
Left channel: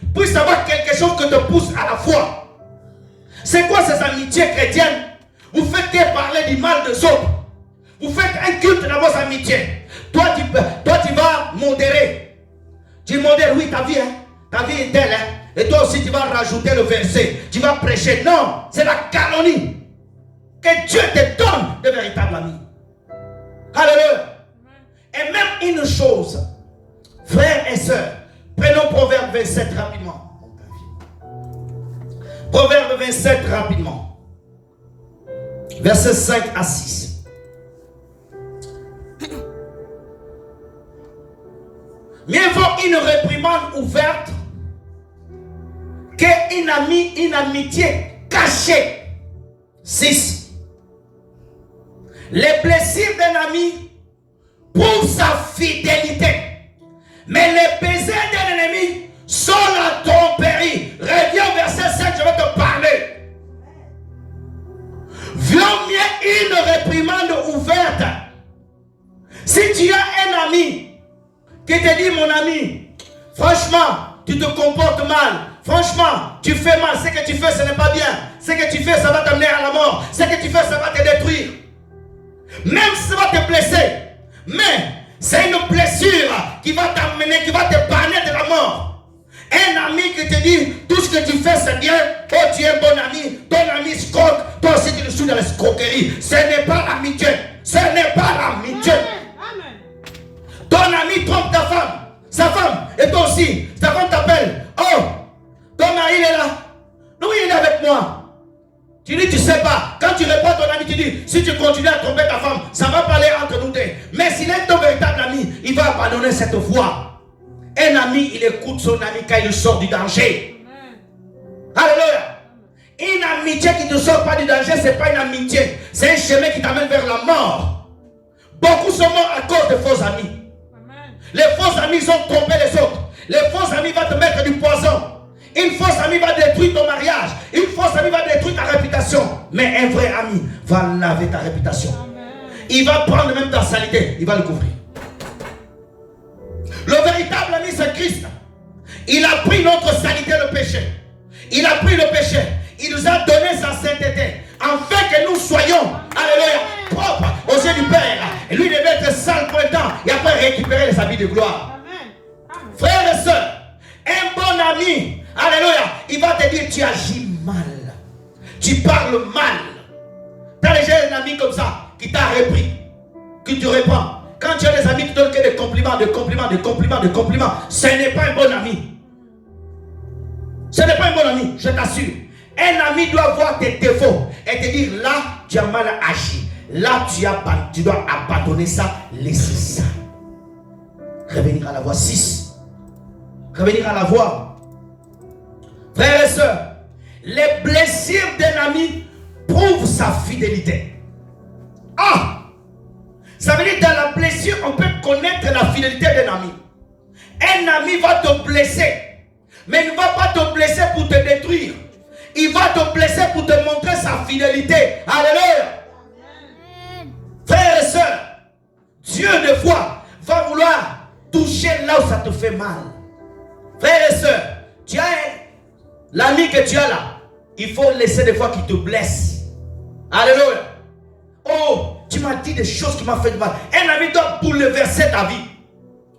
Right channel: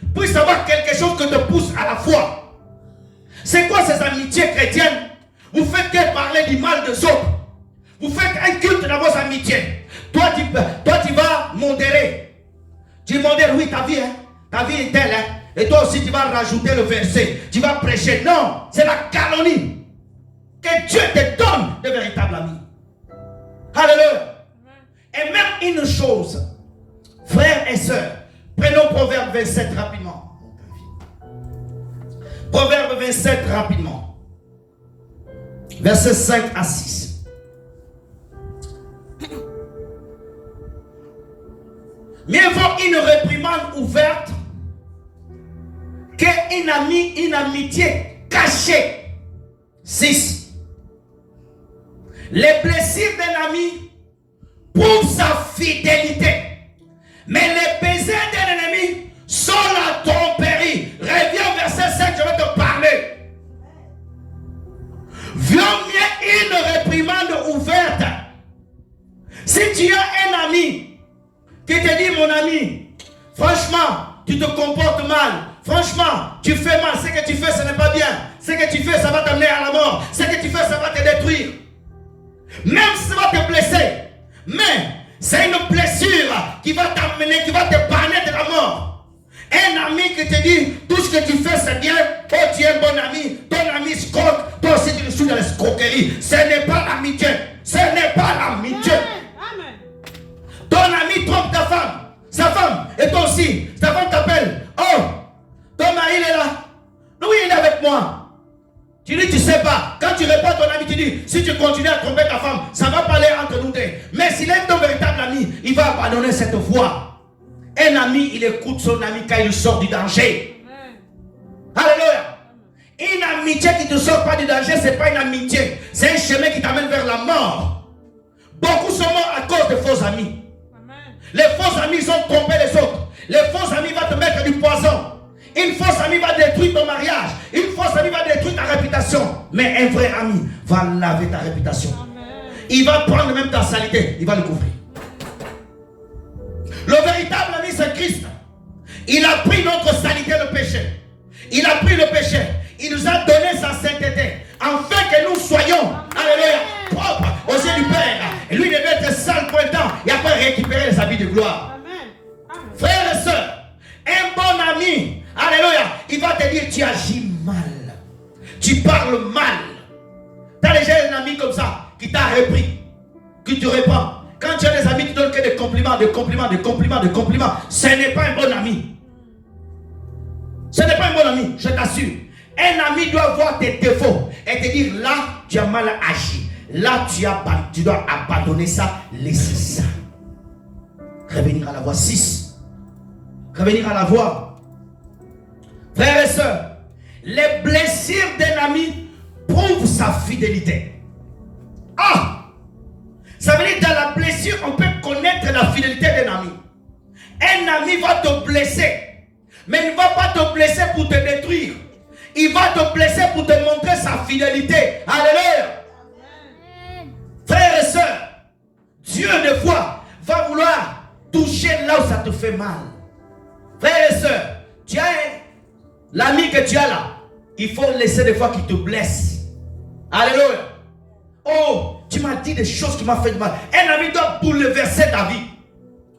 tu puisses avoir quelque chose qui te pousse à la foi. C'est quoi ces amitiés chrétiennes? Vous faites que parler du mal des autres. Vous faites un culte dans vos amitiés. Toi, tu vas modérer. Tu modères, oui, ta vie, hein? Ta vie est telle, hein? Et toi aussi, tu vas rajouter le verset. Tu vas prêcher. Non, c'est la calomnie. Que Dieu te donne de véritables amis. Alléluia. Et même une chose, frères et sœurs, prenons Proverbe 27 rapidement. Proverbe 27 rapidement. Versets 5 à 6. Mieux vaut une réprimande ouverte qu'une amitié cachée. 6. Les plaisirs d'un ami prouvent sa fidélité, mais les baisers d'un ennemi sont la tromperie. Reviens au verset 5, je vais te parler. Vaut mieux une réprimande ouverte. Si tu as un ami qui te dit, mon ami, franchement, tu te comportes mal. Franchement, tu fais mal. Ce que tu fais, ce n'est pas bien. Ce que tu fais, ça va t'amener à la mort. Ce que tu fais, ça va te détruire. Même si ça va te blesser. Mais c'est une blessure qui va t'amener, qui va te parler de la mort. Un ami qui te dit, tout ce que tu fais, c'est bien. Oh, tu es un bon ami. Ton ami escroque. Toi aussi, tu le suis dans l'escroquerie. Ce n'est pas l'amitié. Ce n'est pas l'amitié. Ton ami trompe ta femme. Sa femme. Et toi aussi. Sa femme t'appelle. Oh, ton mari, il est là. Oui, il est avec moi. Tu dis, tu sais pas. Quand tu réponds à ton ami, tu dis, si tu continues à tromper ta femme, ça va parler entre nous deux. Mais s'il est ton véritable ami, il va abandonner cette voie. Un ami, il écoute son ami quand il sort du danger. Alléluia. Une amitié qui ne sort pas du danger, ce n'est pas une amitié. C'est un chemin qui t'amène vers la mort. Beaucoup sont morts à cause de faux amis. Les faux amis ont trompé les autres. Les faux amis vont te mettre du poison. Une fausse amie va détruire ton mariage. Une fausse amie va détruire ta réputation. Mais un vrai ami va laver ta réputation. Amen. Il va prendre même ta saleté. Il va le couvrir. Le véritable ami, c'est Christ. Il a pris notre saleté, le péché. Il a pris le péché. Il nous a donné sa sainteté. Afin que nous soyons, alléluia, propres aux yeux du Père. Et lui, il devait être sale pour le temps. Et après récupérer les habits de gloire. Frères et sœurs, un bon ami, alléluia, il va te dire, tu agis mal. Tu parles mal. Tu as déjà un ami comme ça qui t'a repris, que tu réponds. Quand tu as des amis qui donnent que des compliments, des compliments, des compliments, des compliments, ce n'est pas un bon ami. Ce n'est pas un bon ami, je t'assure. Un ami doit voir tes défauts et te dire, là, tu as mal agi. Là, tu dois abandonner ça, laisser ça. Revenir à la voie 6. Revenir à la voie. Frères et sœurs, les blessures d'un ami prouvent sa fidélité. Ah! Ça veut dire que dans la blessure, on peut connaître la fidélité d'un ami. Un ami va te blesser, mais il ne va pas te blesser pour te détruire. Il va te blesser pour te montrer sa fidélité. Alléluia. Frères et sœurs, Dieu des fois va vouloir toucher là où ça te fait mal. Frères et sœurs, tu as l'ami que tu as là. Il faut laisser des fois qu'il te blesse. Alléluia. Oh, tu m'as dit des choses qui m'ont fait du mal. Un ami doit bouleverser ta vie.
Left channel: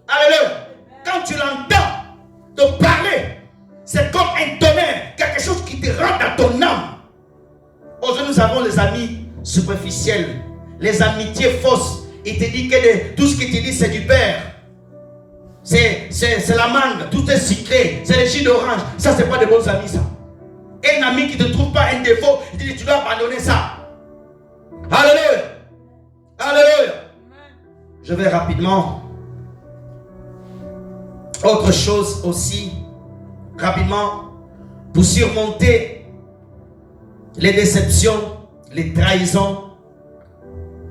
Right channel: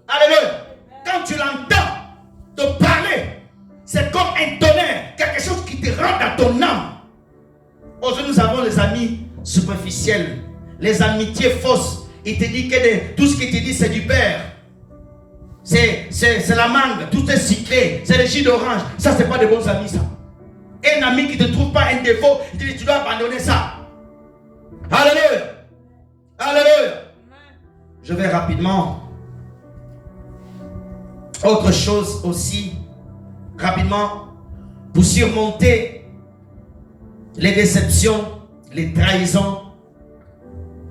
Alléluia. Quand tu l'entends te parler, c'est comme un tonnerre, quelque chose qui te rentre dans ton âme. Aujourd'hui, nous avons les amis superficiels, les amitiés fausses. Il te dit que tout ce qu'il te dit, c'est du père. C'est la mangue, tout est sucré, c'est le jus d'orange. Ça, c'est pas de bons amis, ça. Un ami qui ne te trouve pas un défaut, il te dit, tu dois abandonner ça. Alléluia. Alléluia. Je vais rapidement. Autre chose aussi, rapidement, pour surmonter les déceptions, les trahisons.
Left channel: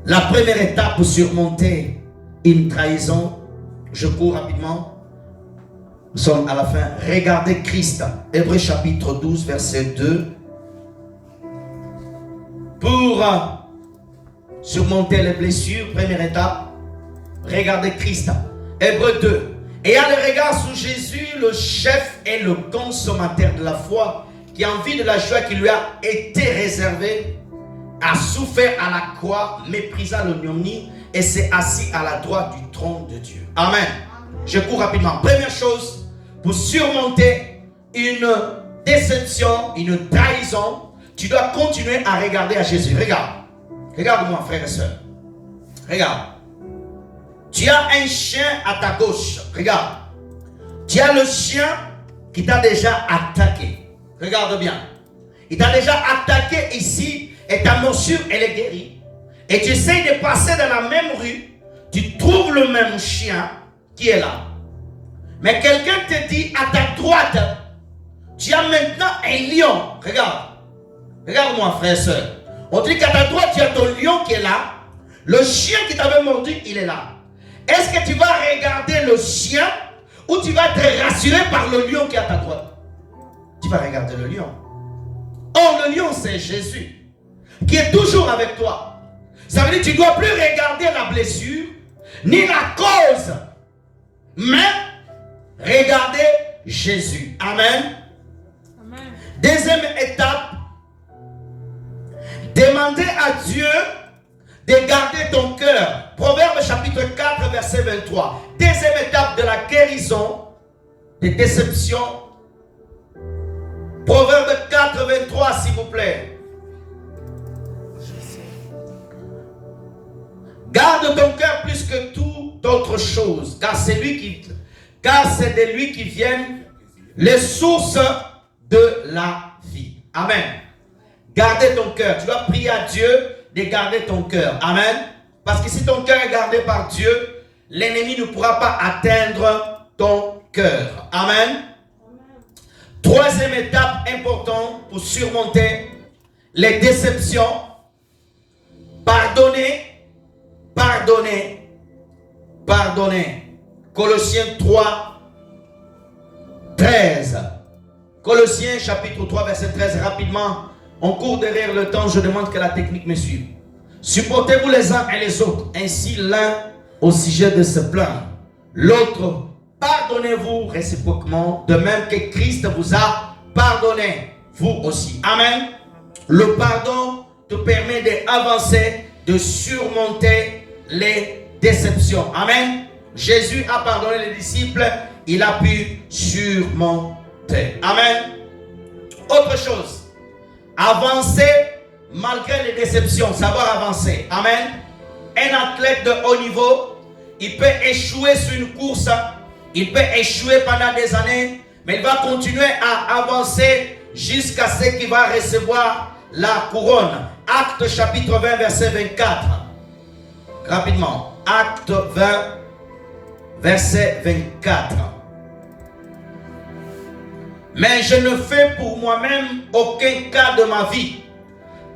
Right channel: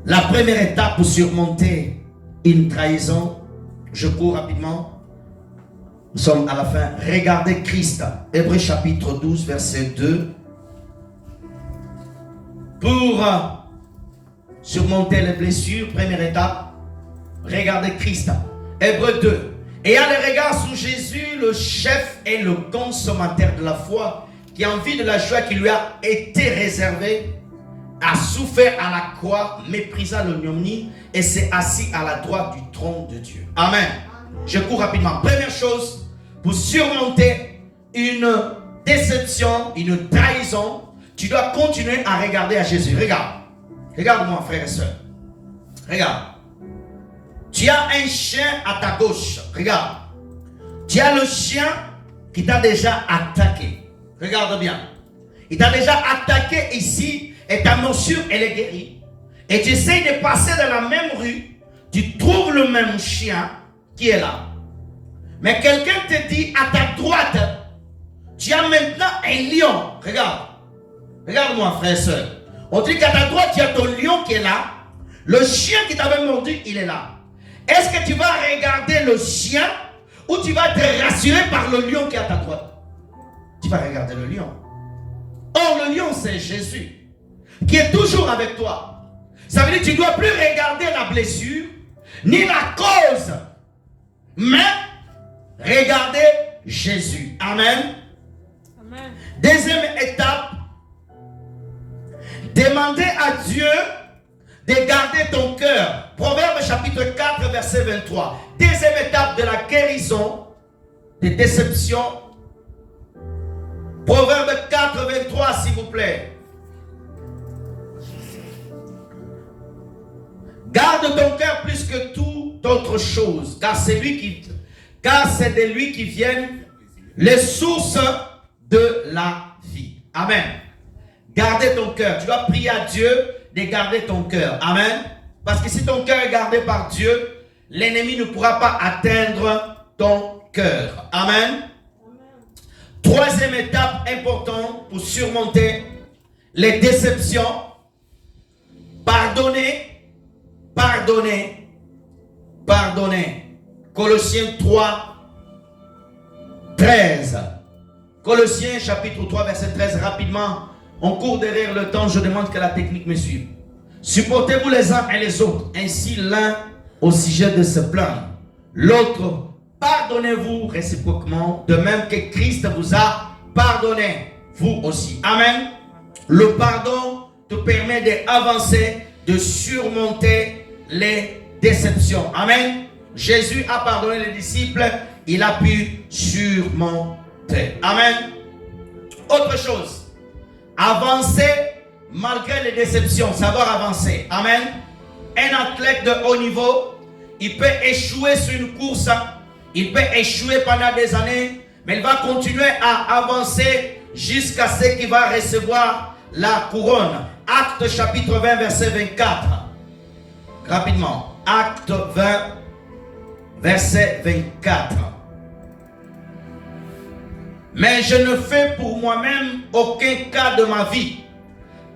La première étape pour surmonter une trahison, je cours rapidement. Nous sommes à la fin. Regardez Christ. Hébreux chapitre 12, verset 2. Pour surmonter les blessures, première étape, regardez Christ. Hébreux 2. Et à le regard sur Jésus, le chef et le consommateur de la foi, qui en vue de la joie qui lui a été réservée, a souffert à la croix, méprisa l'ignominie et s'est assis à la droite du trône de Dieu. Amen. Je cours rapidement. Première chose, pour surmonter une déception, une trahison, tu dois continuer à regarder à Jésus. Regarde. Regarde-moi, frère et soeur. Regarde. Tu as un chien à ta gauche. Regarde. Tu as le chien qui t'a déjà attaqué. Regarde bien. Il t'a déjà attaqué ici et ta morsure, elle est guérie. Et tu essaies de passer dans la même rue. Tu trouves le même chien qui est là. Mais quelqu'un te dit à ta droite, tu as maintenant un lion. Regarde. Regarde-moi, frère et soeur. On dit qu'à ta droite, tu as ton lion qui est là. Le chien qui t'avait mordu, il est là. Est-ce que tu vas regarder le chien ou tu vas te rassurer par le lion qui est à ta droite? Tu vas regarder le lion. Or, le lion, c'est Jésus qui est toujours avec toi. Ça veut dire que tu ne dois plus regarder la blessure ni la cause, mais regarder Jésus. Amen. Amen. Deuxième étape, demander à Dieu de garder ton cœur. Proverbe chapitre 4, verset 23. Deuxième étape de la guérison des déceptions. Proverbe 4, 23, s'il vous plaît. Garde ton cœur plus que toute autre chose, car c'est de lui qui viennent les sources de la vie. Amen. Gardez ton cœur. Tu dois prier à Dieu de garder ton cœur. Amen. Parce que si ton cœur est gardé par Dieu, l'ennemi ne pourra pas atteindre ton cœur. Amen. Troisième étape importante pour surmonter les déceptions. Pardonner, pardonner, pardonner. Colossiens 3, 13. Colossiens chapitre 3, verset 13. Rapidement, on court derrière le temps, je demande que la technique me suive. Supportez-vous les uns et les autres, ainsi l'un au sujet de se plaindre, l'autre pardonnez-vous réciproquement, de même que Christ vous a pardonné, vous aussi. Amen. Le pardon te permet d'avancer, de surmonter les déceptions. Amen. Jésus a pardonné les disciples, il a pu surmonter. Amen. Autre chose, avancer malgré les déceptions, savoir avancer. Amen. Un athlète de haut niveau, il peut échouer sur une course, il peut échouer pendant des années, mais il va continuer à avancer jusqu'à ce qu'il va recevoir la couronne. Acte chapitre 20, verset 24. Rapidement. Acte 20, verset 24. Mais je ne fais pour moi-même aucun cas de ma vie,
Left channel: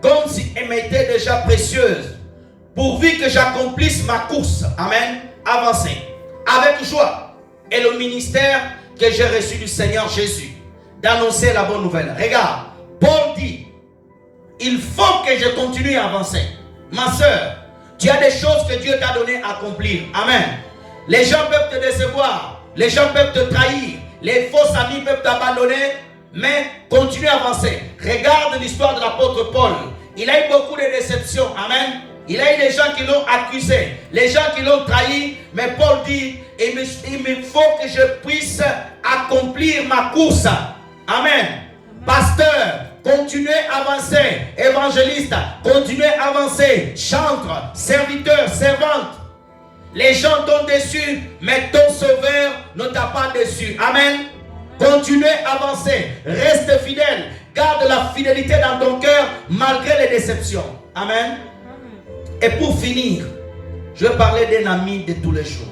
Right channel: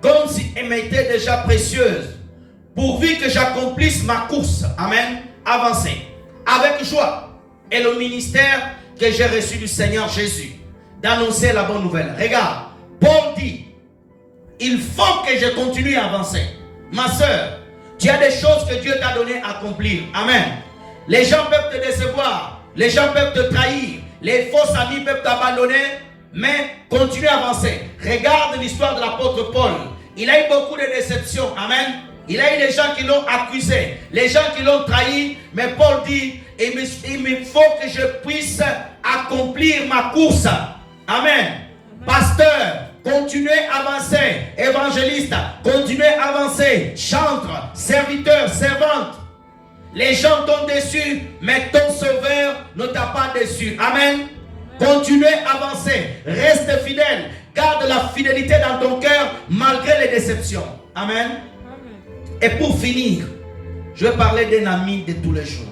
comme si elle m'était déjà précieuse, pourvu que j'accomplisse ma course. Amen. Avancer. Avec joie. Et le ministère que j'ai reçu du Seigneur Jésus, d'annoncer la bonne nouvelle. Regarde, Paul dit, il faut que je continue à avancer. Ma soeur, tu as des choses que Dieu t'a donné à accomplir. Amen. Les gens peuvent te décevoir, les gens peuvent te trahir, les faux amis peuvent t'abandonner, mais continue à avancer. Regarde l'histoire de l'apôtre Paul. Il a eu beaucoup de déceptions. Amen. Il a eu des gens qui l'ont accusé, les gens qui l'ont trahi, mais Paul dit, il me faut que je puisse accomplir ma course. Amen. Pasteur, continuez à avancer. Évangéliste, continuez à avancer. Chantre, serviteur, servante. Les gens t'ont déçu, mais ton sauveur ne t'a pas déçu. Amen. Continuez à avancer. Reste fidèle. Garde la fidélité dans ton cœur malgré les déceptions. Amen. Et pour finir, je vais parler d'un ami de tous les jours.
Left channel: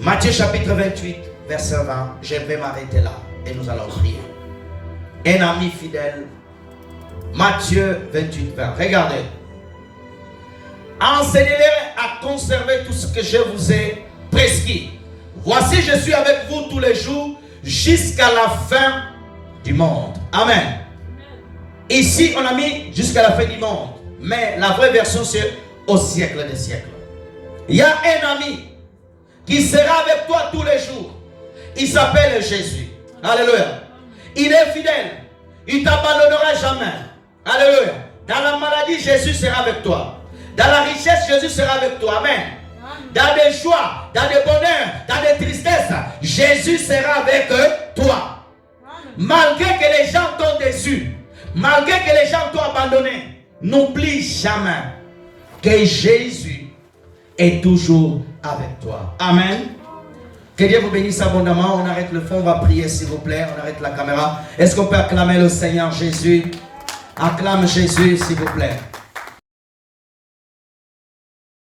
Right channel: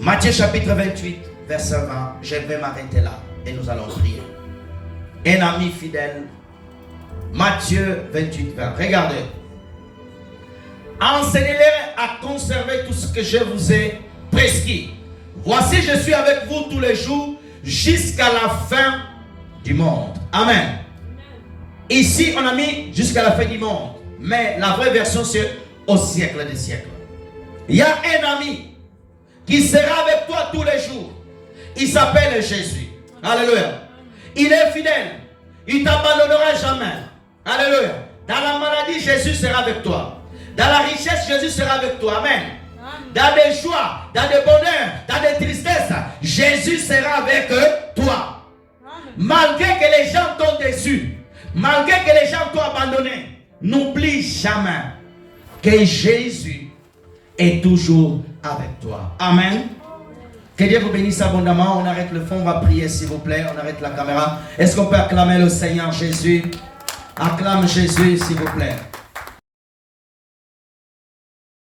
Matthieu chapitre 28, verset 20. Je vais m'arrêter là et nous allons prier. Un ami fidèle. Matthieu 28, 20. Regardez. Enseignez-les à conserver tout ce que je vous ai prescrit. Voici, je suis avec vous tous les jours jusqu'à la fin du monde. Amen. Ici, on a mis jusqu'à la fin du monde. Mais la vraie version, c'est au siècle des siècles. Il y a un ami qui sera avec toi tous les jours. Il s'appelle Jésus. Alléluia. Il est fidèle. Il ne t'abandonnera jamais. Alléluia. Dans la maladie, Jésus sera avec toi. Dans la richesse, Jésus sera avec toi. Amen. Dans des joies, dans des bonheurs, dans des tristesses, Jésus sera avec toi. Malgré que les gens t'ont déçu, malgré que les gens t'ont abandonné, n'oublie jamais que Jésus est toujours avec toi. Amen. Que Dieu vous bénisse abondamment. On arrête le fond, on va prier s'il vous plaît. On arrête la caméra. Est-ce qu'on peut acclamer le Seigneur Jésus? Acclame Jésus s'il vous plaît.